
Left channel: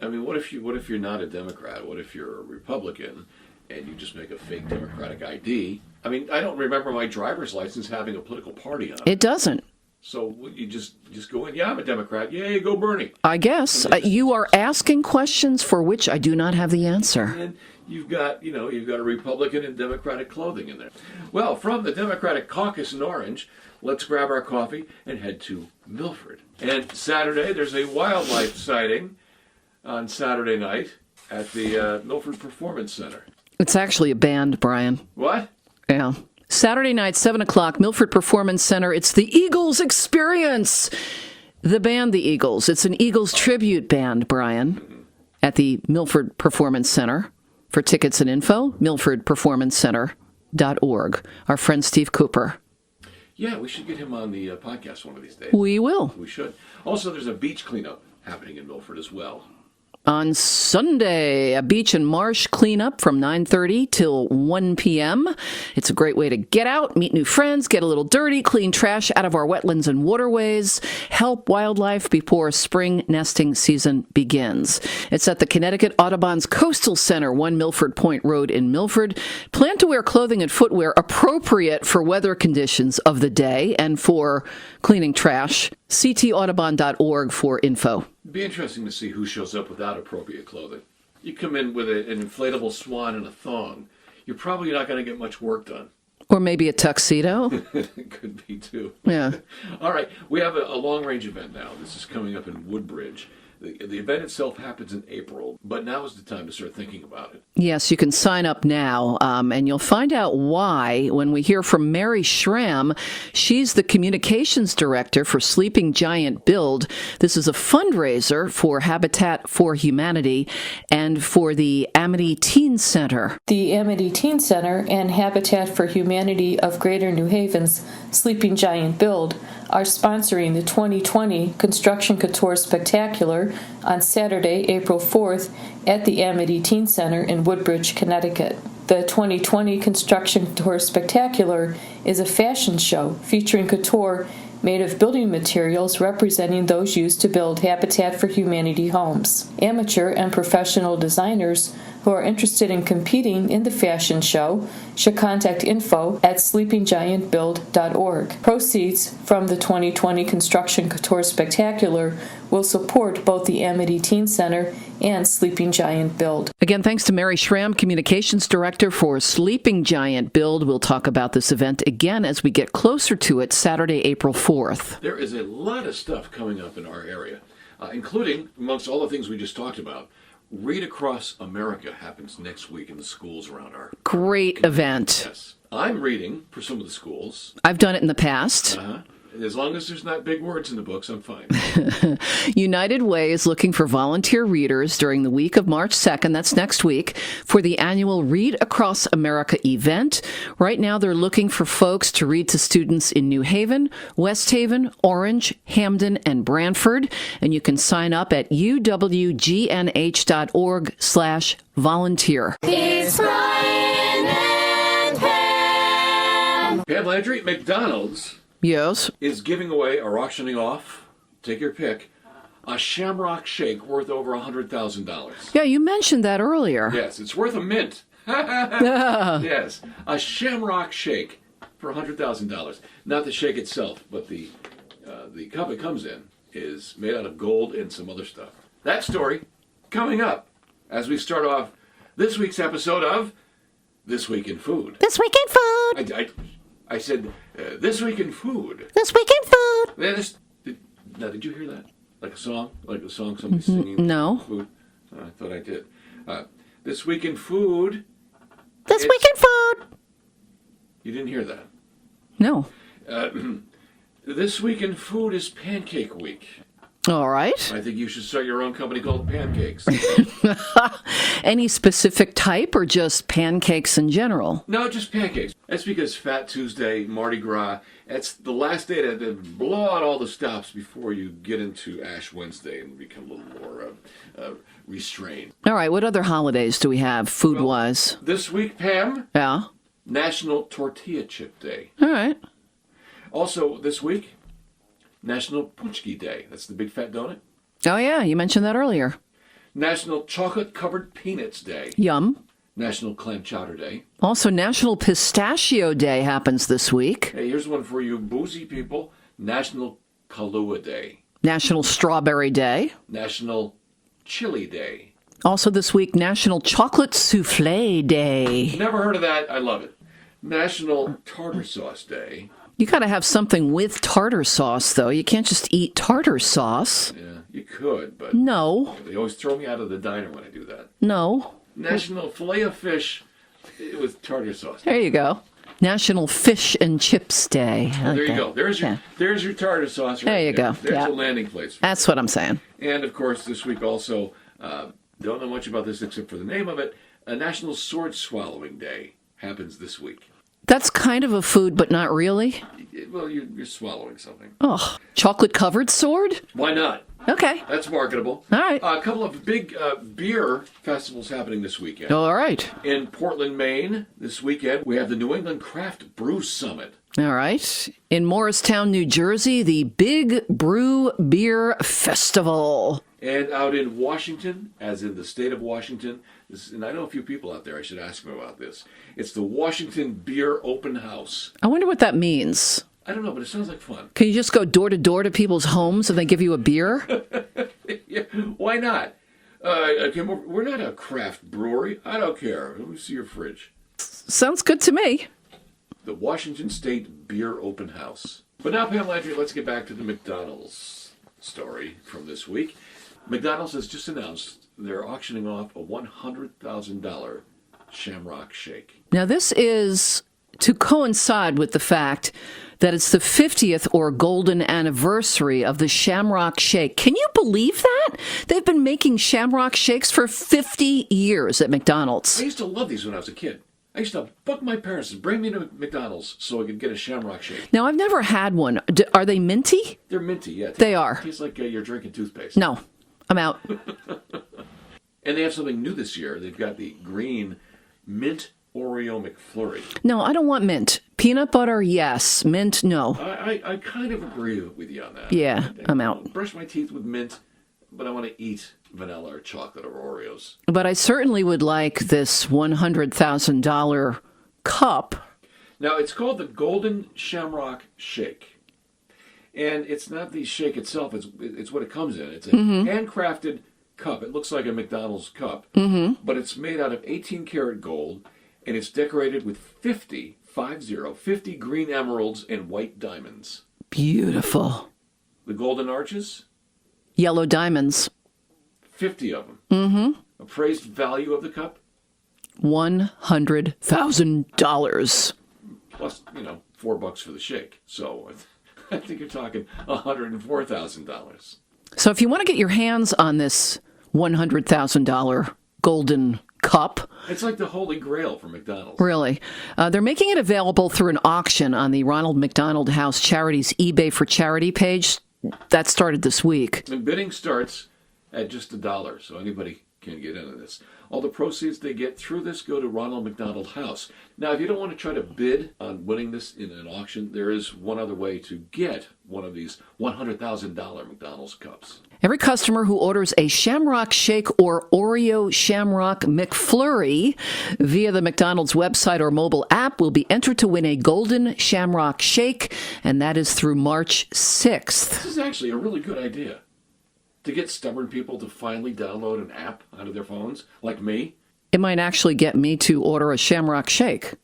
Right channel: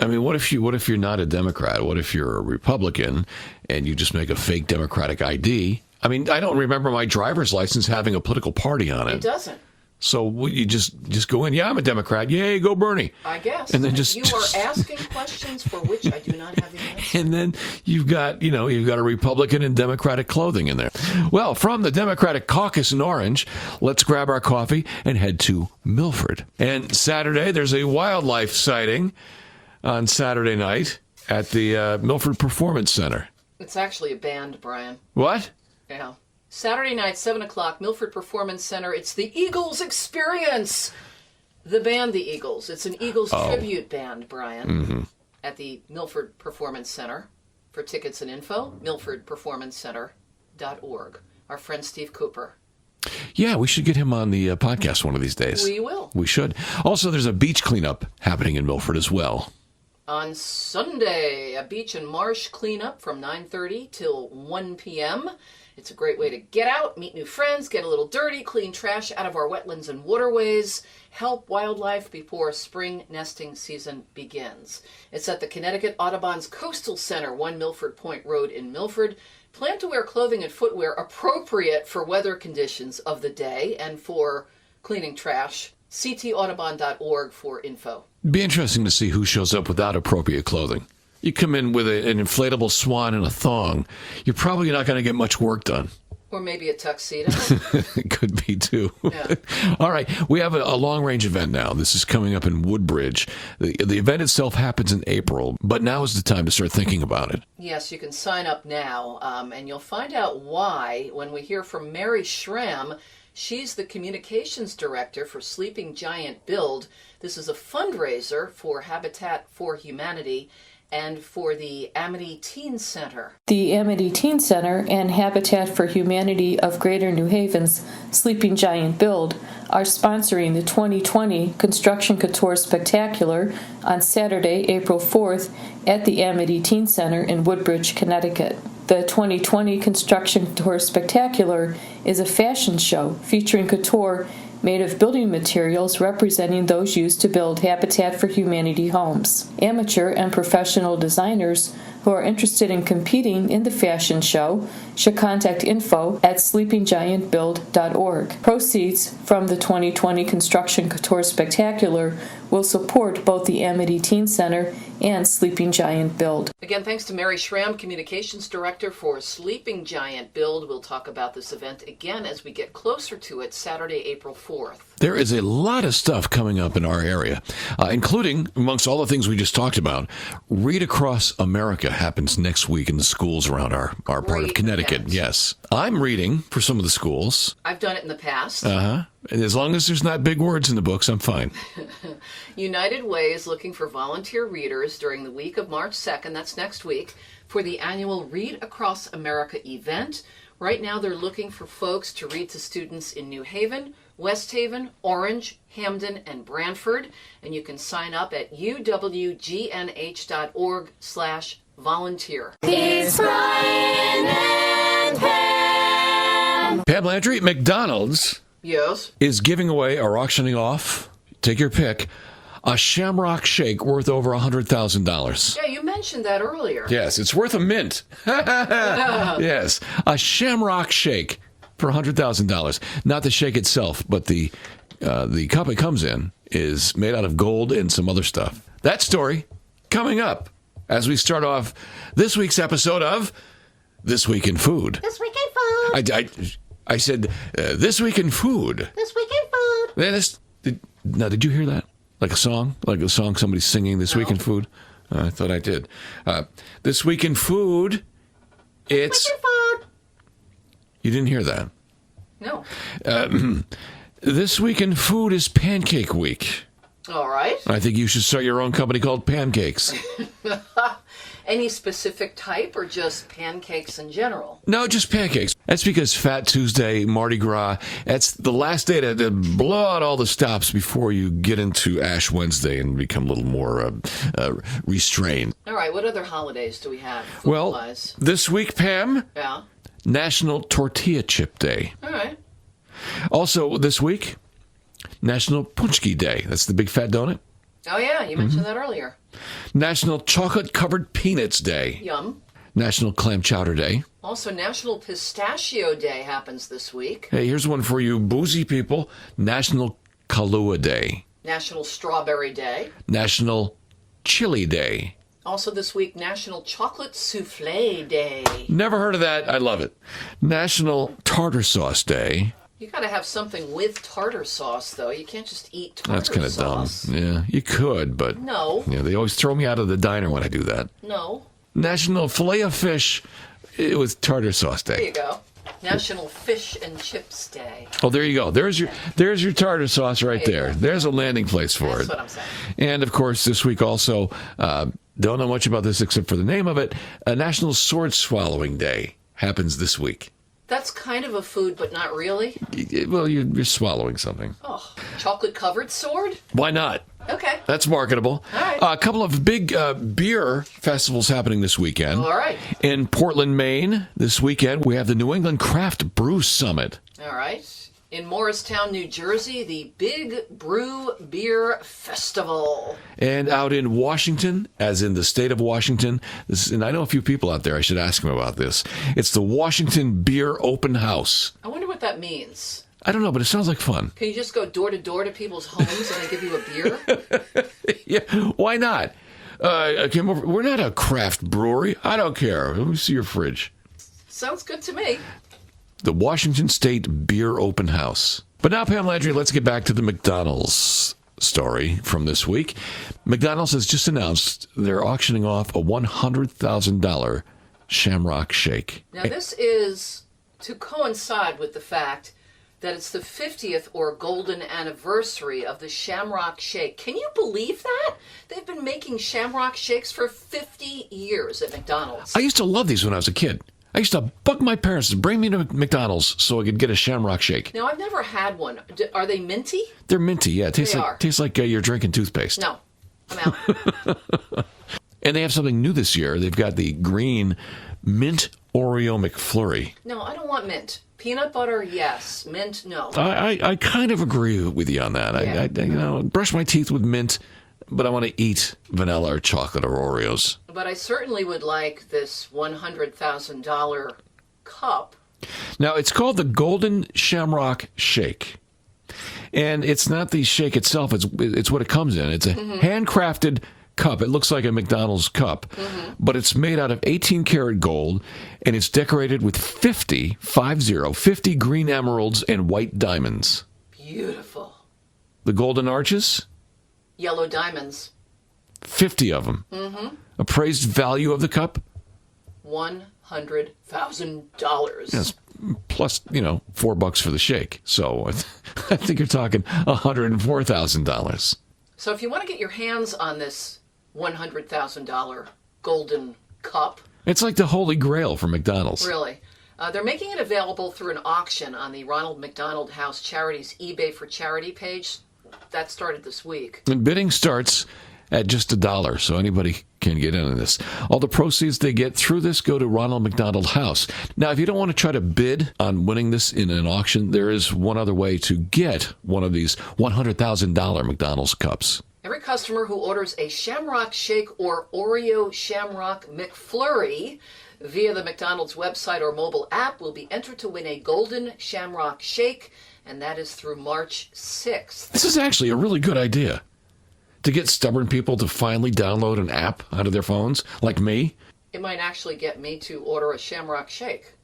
I mean, what if you're not a Democrat? What if you're a Republican and you just make a fake Democratic ID? I mean, I don't remember my driver's license having a political party on it. It doesn't. So you just go in, yeah, I'm a Democrat. Yay, go Bernie. I guess. You are asking questions for which I do not have the answer. And then you've got a Republican in Democratic clothing in there. Well, from the Democratic caucus in Orange, let's grab our coffee and head to Milford. And Saturday, there's a wildlife sighting on Saturday night at the Milford Performance Center. It's actually a band, Brian. What? Yeah. Saturday night, 7 o'clock, Milford Performance Center. It's the Eagles Experience. The band, the Eagles. It's an Eagles tribute band, Brian, at the Milford Performance Center. For tickets and info, milfordperformancecenter.org. Our friend Steve Cooper. Yeah, we should get him on the podcast one of these days. We will. We should. Also, there's a beach cleanup happening in Milford as well. On Sunday, a beach and marsh cleanup from 9:30 till 1 p.m. It's a great way to get out, meet new friends, get a little dirty, clean trash out of our wetlands and waterways, help wildlife before spring nesting season begins. It's at the Connecticut Audubon's Coastal Center, 1 Milford Point Road in Milford. Plan to wear clothing and footwear appropriate for weather conditions of the day and for cleaning trash. ctaudubon.org for info. Be interesting to see who shows up without appropriate clothing. You come in with an inflatable swan and a thong, you're probably not going to get much work done. Or maybe a tuxedo. It could be, too. Yeah. All right. We have a long-range event now. This is coming up in Woodbridge. The event itself happens in April, but now is the time to start thinking about it. Yes, you can sign up now, and you'll find out why when we hear from Mary Schramm. She's the communications director for Sleeping Giant Build. This is a fundraiser for Habitat for Humanity and for the Amity Teen Center. The Amity Teen Center and Habitat for Humanity of Greater New Haven's Sleeping Giant Build are sponsoring the 2020 Construction Couture Spectacular on Saturday, April 4th at the Amity Teen Center in Woodbridge, Connecticut. The 2020 Construction Couture Spectacular is a fashion show featuring couture made of building materials representing those used to build Habitat for Humanity homes. Amateur and professional designers who are interested in competing in the fashion show should contact info at sleepinggiantbuild.org. Proceeds from the 2020 Construction Couture Spectacular will support both the Amity Teen Center and Sleeping Giant Build. Again, thanks to Mary Schramm, Communications Director for Sleeping Giant Build. We'll talk about this event again as we get closer to it, Saturday, April 4th. There is a lot of stuff coming up in our area, including, amongst all the things we just talked about, Read Across America happens next week in the schools around our part of Connecticut. Event. Yes. I'm reading for some of the schools. I've done it in the past. And as long as there's not big words in the books, I'm fine. United Way is looking for volunteer readers during the week of March 2nd, that's next week, for the annual Read Across America event. Right now, they're looking for folks to read to students in New Haven, West Haven, Orange, Hamden, and Branford. And you can sign up at uwgnh.org/volunteer. It's Brian and Pam. Pam Landry, McDonald's Yes. is giving away or auctioning off, take your pick, a Shamrock Shake worth over $100,000. Yeah, you mentioned that earlier. Yes, it's worth a mint. Yes, a Shamrock Shake for $100,000. Not the shake itself, but the cup it comes in is made out of gold and some other stuff. That story coming up as we start off this week's episode of This Week in Food. This Week in Food. I said, This Week in Food. This Week in Food. Now, did you hear that? Like a song? Like a song somebody's singing This No. Week in Food? I thought I did. This Week in Food. This Week in Food. You didn't hear that. No. This Week in Food is Pancake Week. All right. I think you should start your own company called Pancakes. Any specific type or just pancakes in general? No, just pancakes. That's because Fat Tuesday, Mardi Gras, that's the last day to blow out all the stops before you get into Ash Wednesday and become a little more restrained. All right. What other holidays do we have food-wise? This week, Pam, Yeah. National Tortilla Chip Day. All right. Also, this week, National Punchki Day. That's the big fat donut. Oh, yeah. You mentioned that earlier. National Chocolate Covered Peanuts Day. Yum. National Clam Chowder Day. Also, National Pistachio Day happens this week. Hey, here's one for you boozy people. National Kahlua Day. National Strawberry Day. National Chili Day. Also this week, National Chocolate Souffle Day. Never heard of that. I love it. National Tartar Sauce Day. You got to have something with tartar sauce, though. You can't just eat That's tartar kinda sauce. dumb. Yeah, you could, but No. yeah, they always throw me out of the diner when I do that. No. National Filet of Fish with Tartar Sauce Day. There you go. National Fish and Chips Day. Oh, there you go. There's your tartar sauce right There you there. go. There's Yeah. a landing place for it. That's what I'm saying. And of course, this week also, don't know much about this except for the name of it. National Sword Swallowing Day happens this week. That's kind of a food, but not really. Well, you're swallowing something. Oh, chocolate-covered sword? Why not? Okay. That's marketable. All right. A couple of big beer festivals happening this weekend. All right. In Portland, Maine, this weekend, we have the New England Craft Brew Summit. All right. In Morristown, New Jersey, the Big Brew Beer Festival. And out in Washington, as in the state of Washington, and I know a few people out there, I should ask them about this. It's the Washington Beer Open House. I wonder what that means. I don't know, but it sounds like fun. Can you just go door to door to people's homes and they give you a beer? Yeah, why not? I came over. We're not a craft brewery. I don't care. Let me see your fridge. Sounds good to me. The Washington State Beer Open House. But now, Pam Landry, let's get back to the McDonald's story from this week. McDonald's has just announced they're auctioning off a $100,000 Shamrock Shake. Now, this is to coincide with the fact that it's the 50th or golden anniversary of the Shamrock Shake. Can you believe that? They've been making Shamrock Shakes for 50 years at McDonald's. I used to love these when I was a kid. I used to bug my parents to bring me to McDonald's so I could get a Shamrock Shake. Now, I've never had one. Are they minty? They're minty, yeah. They are. Tastes like you're drinking toothpaste. No, I'm out. And they have something new this year. They've got the green mint Oreo McFlurry. No, I don't want mint. Peanut butter, yes. Mint, no. I kind of agree with you on that. Yeah, I'm out. Brush my teeth with mint, but I want to eat vanilla or chocolate or Oreos. But I certainly would like this $100,000 cup. Now, it's called the Golden Shamrock Shake. And it's not the shake itself, it's what it comes in. It's a handcrafted cup. It looks like a McDonald's cup, but it's made out of 18 karat gold, and it's decorated with 50 green emeralds and white diamonds. Beautiful. The golden arches, Yellow diamonds. 50 of them. Appraised value of the cup, $100,000. plus, $4 for the shake. So I think you're talking $104,000. So if you want to get your hands on this $100,000 golden cup, It's like the Holy Grail for McDonald's. really, they're making it available through an auction on the Ronald McDonald House Charities eBay for Charity page. That started this week. And bidding starts at just $1, so anybody can get in on this. All the proceeds they get through this go to Ronald McDonald House. Now, if you don't want to try to bid on winning this in an auction, there is one other way to get one of these $100,000 McDonald's cups. Every customer who orders a Shamrock Shake or Oreo Shamrock McFlurry via the McDonald's website or mobile app will be entered to win a golden Shamrock Shake, and that is through March 6th. This is actually a really good idea. To get stubborn people to finally download an app out of their phones, like me. It might actually get me to order a Shamrock Shake.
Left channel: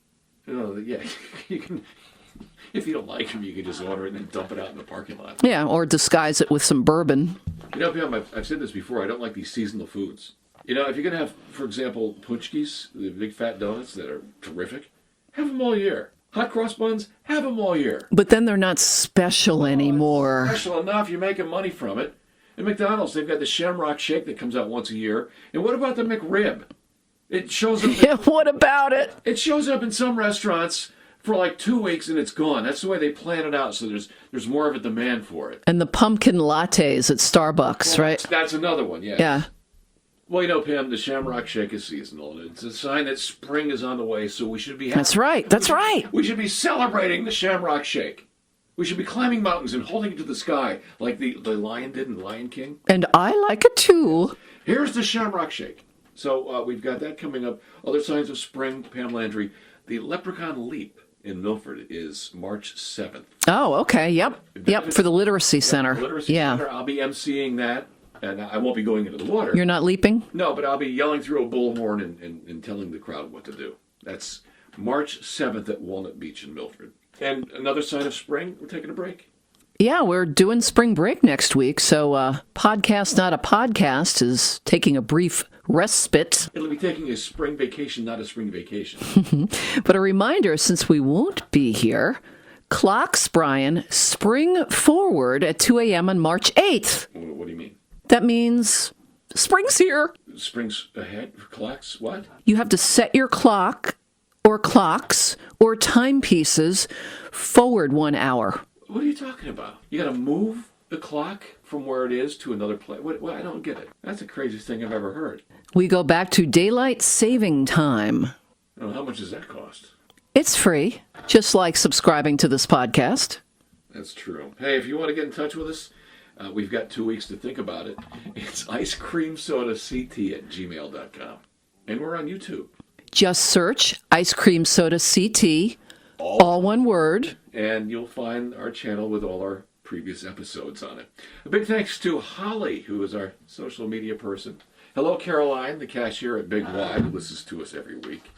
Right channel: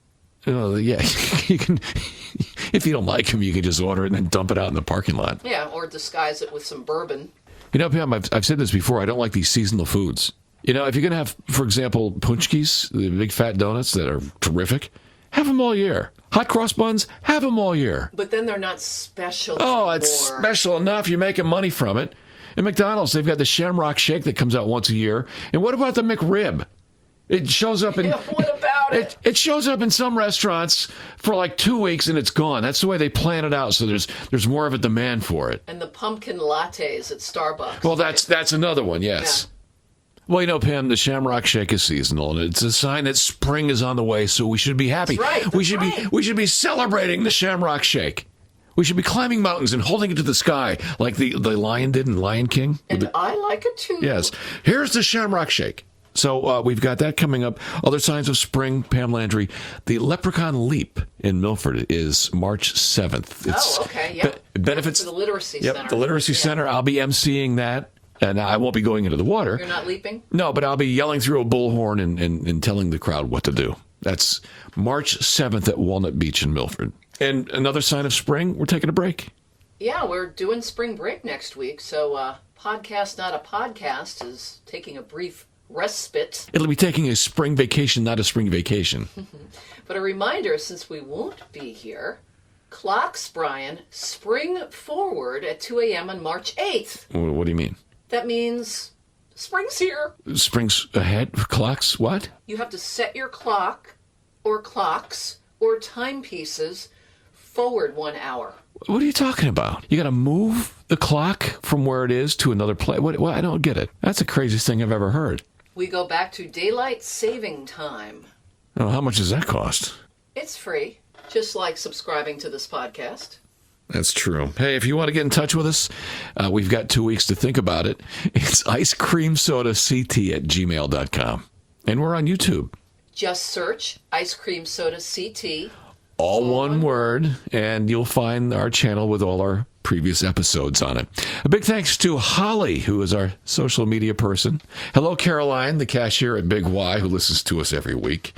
Yeah, you can. If you don't like them, you can just order it and then dump it out in the parking lot. Yeah, or disguise it with some bourbon. You know, Pam, I've said this before. I don't like these seasonal foods. You know, if you're going to have, for example, punchkis, the big fat donuts that are terrific, have them all year. Hot cross buns, have them all year. But then they're not special anymore. Oh, it's special enough. You're making money from it. At McDonald's, they've got the Shamrock Shake that comes out once a year. And what about the McRib? It shows up. Yeah, what about it? It shows up in some restaurants for like 2 weeks and it's gone. That's the way they plan it out. So there's more of a demand for it. And the pumpkin lattes at Starbucks, well, right? That's another one. Yes. Yeah. Well, you know, Pam, the Shamrock Shake is seasonal, and it's a sign that spring is on the way. So we should be happy. That's right. That's right. We should be celebrating the Shamrock Shake. We should be climbing mountains and holding it to the sky like the lion did in Lion King. And I like it too. Yes. Here's the Shamrock Shake. So we've got that coming up. Other signs of spring, Pam Landry. The Leprechaun Leap in Milford is March 7th. Okay. Yep. Yep, for the Literacy Center. The Literacy Center. I'll be emceeing that. And I won't be going into the water. You're not leaping? No, but I'll be yelling through a bullhorn and telling the crowd what to do. That's March 7th at Walnut Beach in Milford. And another sign of spring, we're taking a break. Yeah, we're doing spring break next week, so Podcast Not a Podcast is taking a brief respite. It'll be taking a spring vacation, not a spring vacation. But a reminder, since we won't be here, clocks, Brian, spring forward at 2 a.m. on March 8th. What do you mean? That means spring's here. Spring's ahead? Clocks? What? You have to set your clock or clocks or timepieces forward 1 hour. What are you talking about? You got to move the clock from where it is to another place? What, I don't get it. That's the craziest thing I've ever heard. We go back to daylight saving time. Oh, how much does that cost? It's free, just like subscribing to this podcast. That's true. Hey, if you want to get in touch with us, we've got 2 weeks to think about it. It's icecreamsodact@gmail.com. And we're on YouTube. Just search Ice Cream Soda CT. All one word. And you'll find our channel with all our previous episodes on it. A big thanks to Holly, who is our social media person. Hello, Caroline, the cashier at Big Y, who listens to us every week.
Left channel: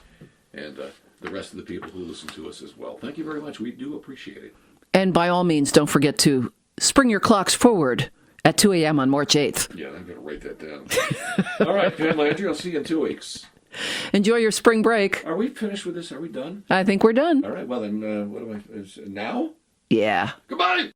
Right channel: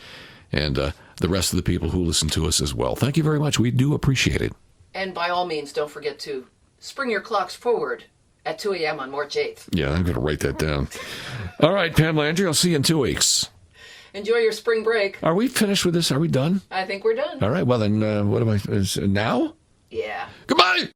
And the rest of the people who listen to us as well. Thank you very much. We do appreciate it. And by all means, don't forget to spring your clocks forward at 2 a.m. on March 8th. Yeah, I'm going to write that down. All right, Pam Landry, I'll see you in 2 weeks. Enjoy your spring break. Are we finished with this? Are we done? I think we're done. All right, well then, what am I, now? Yeah. Goodbye!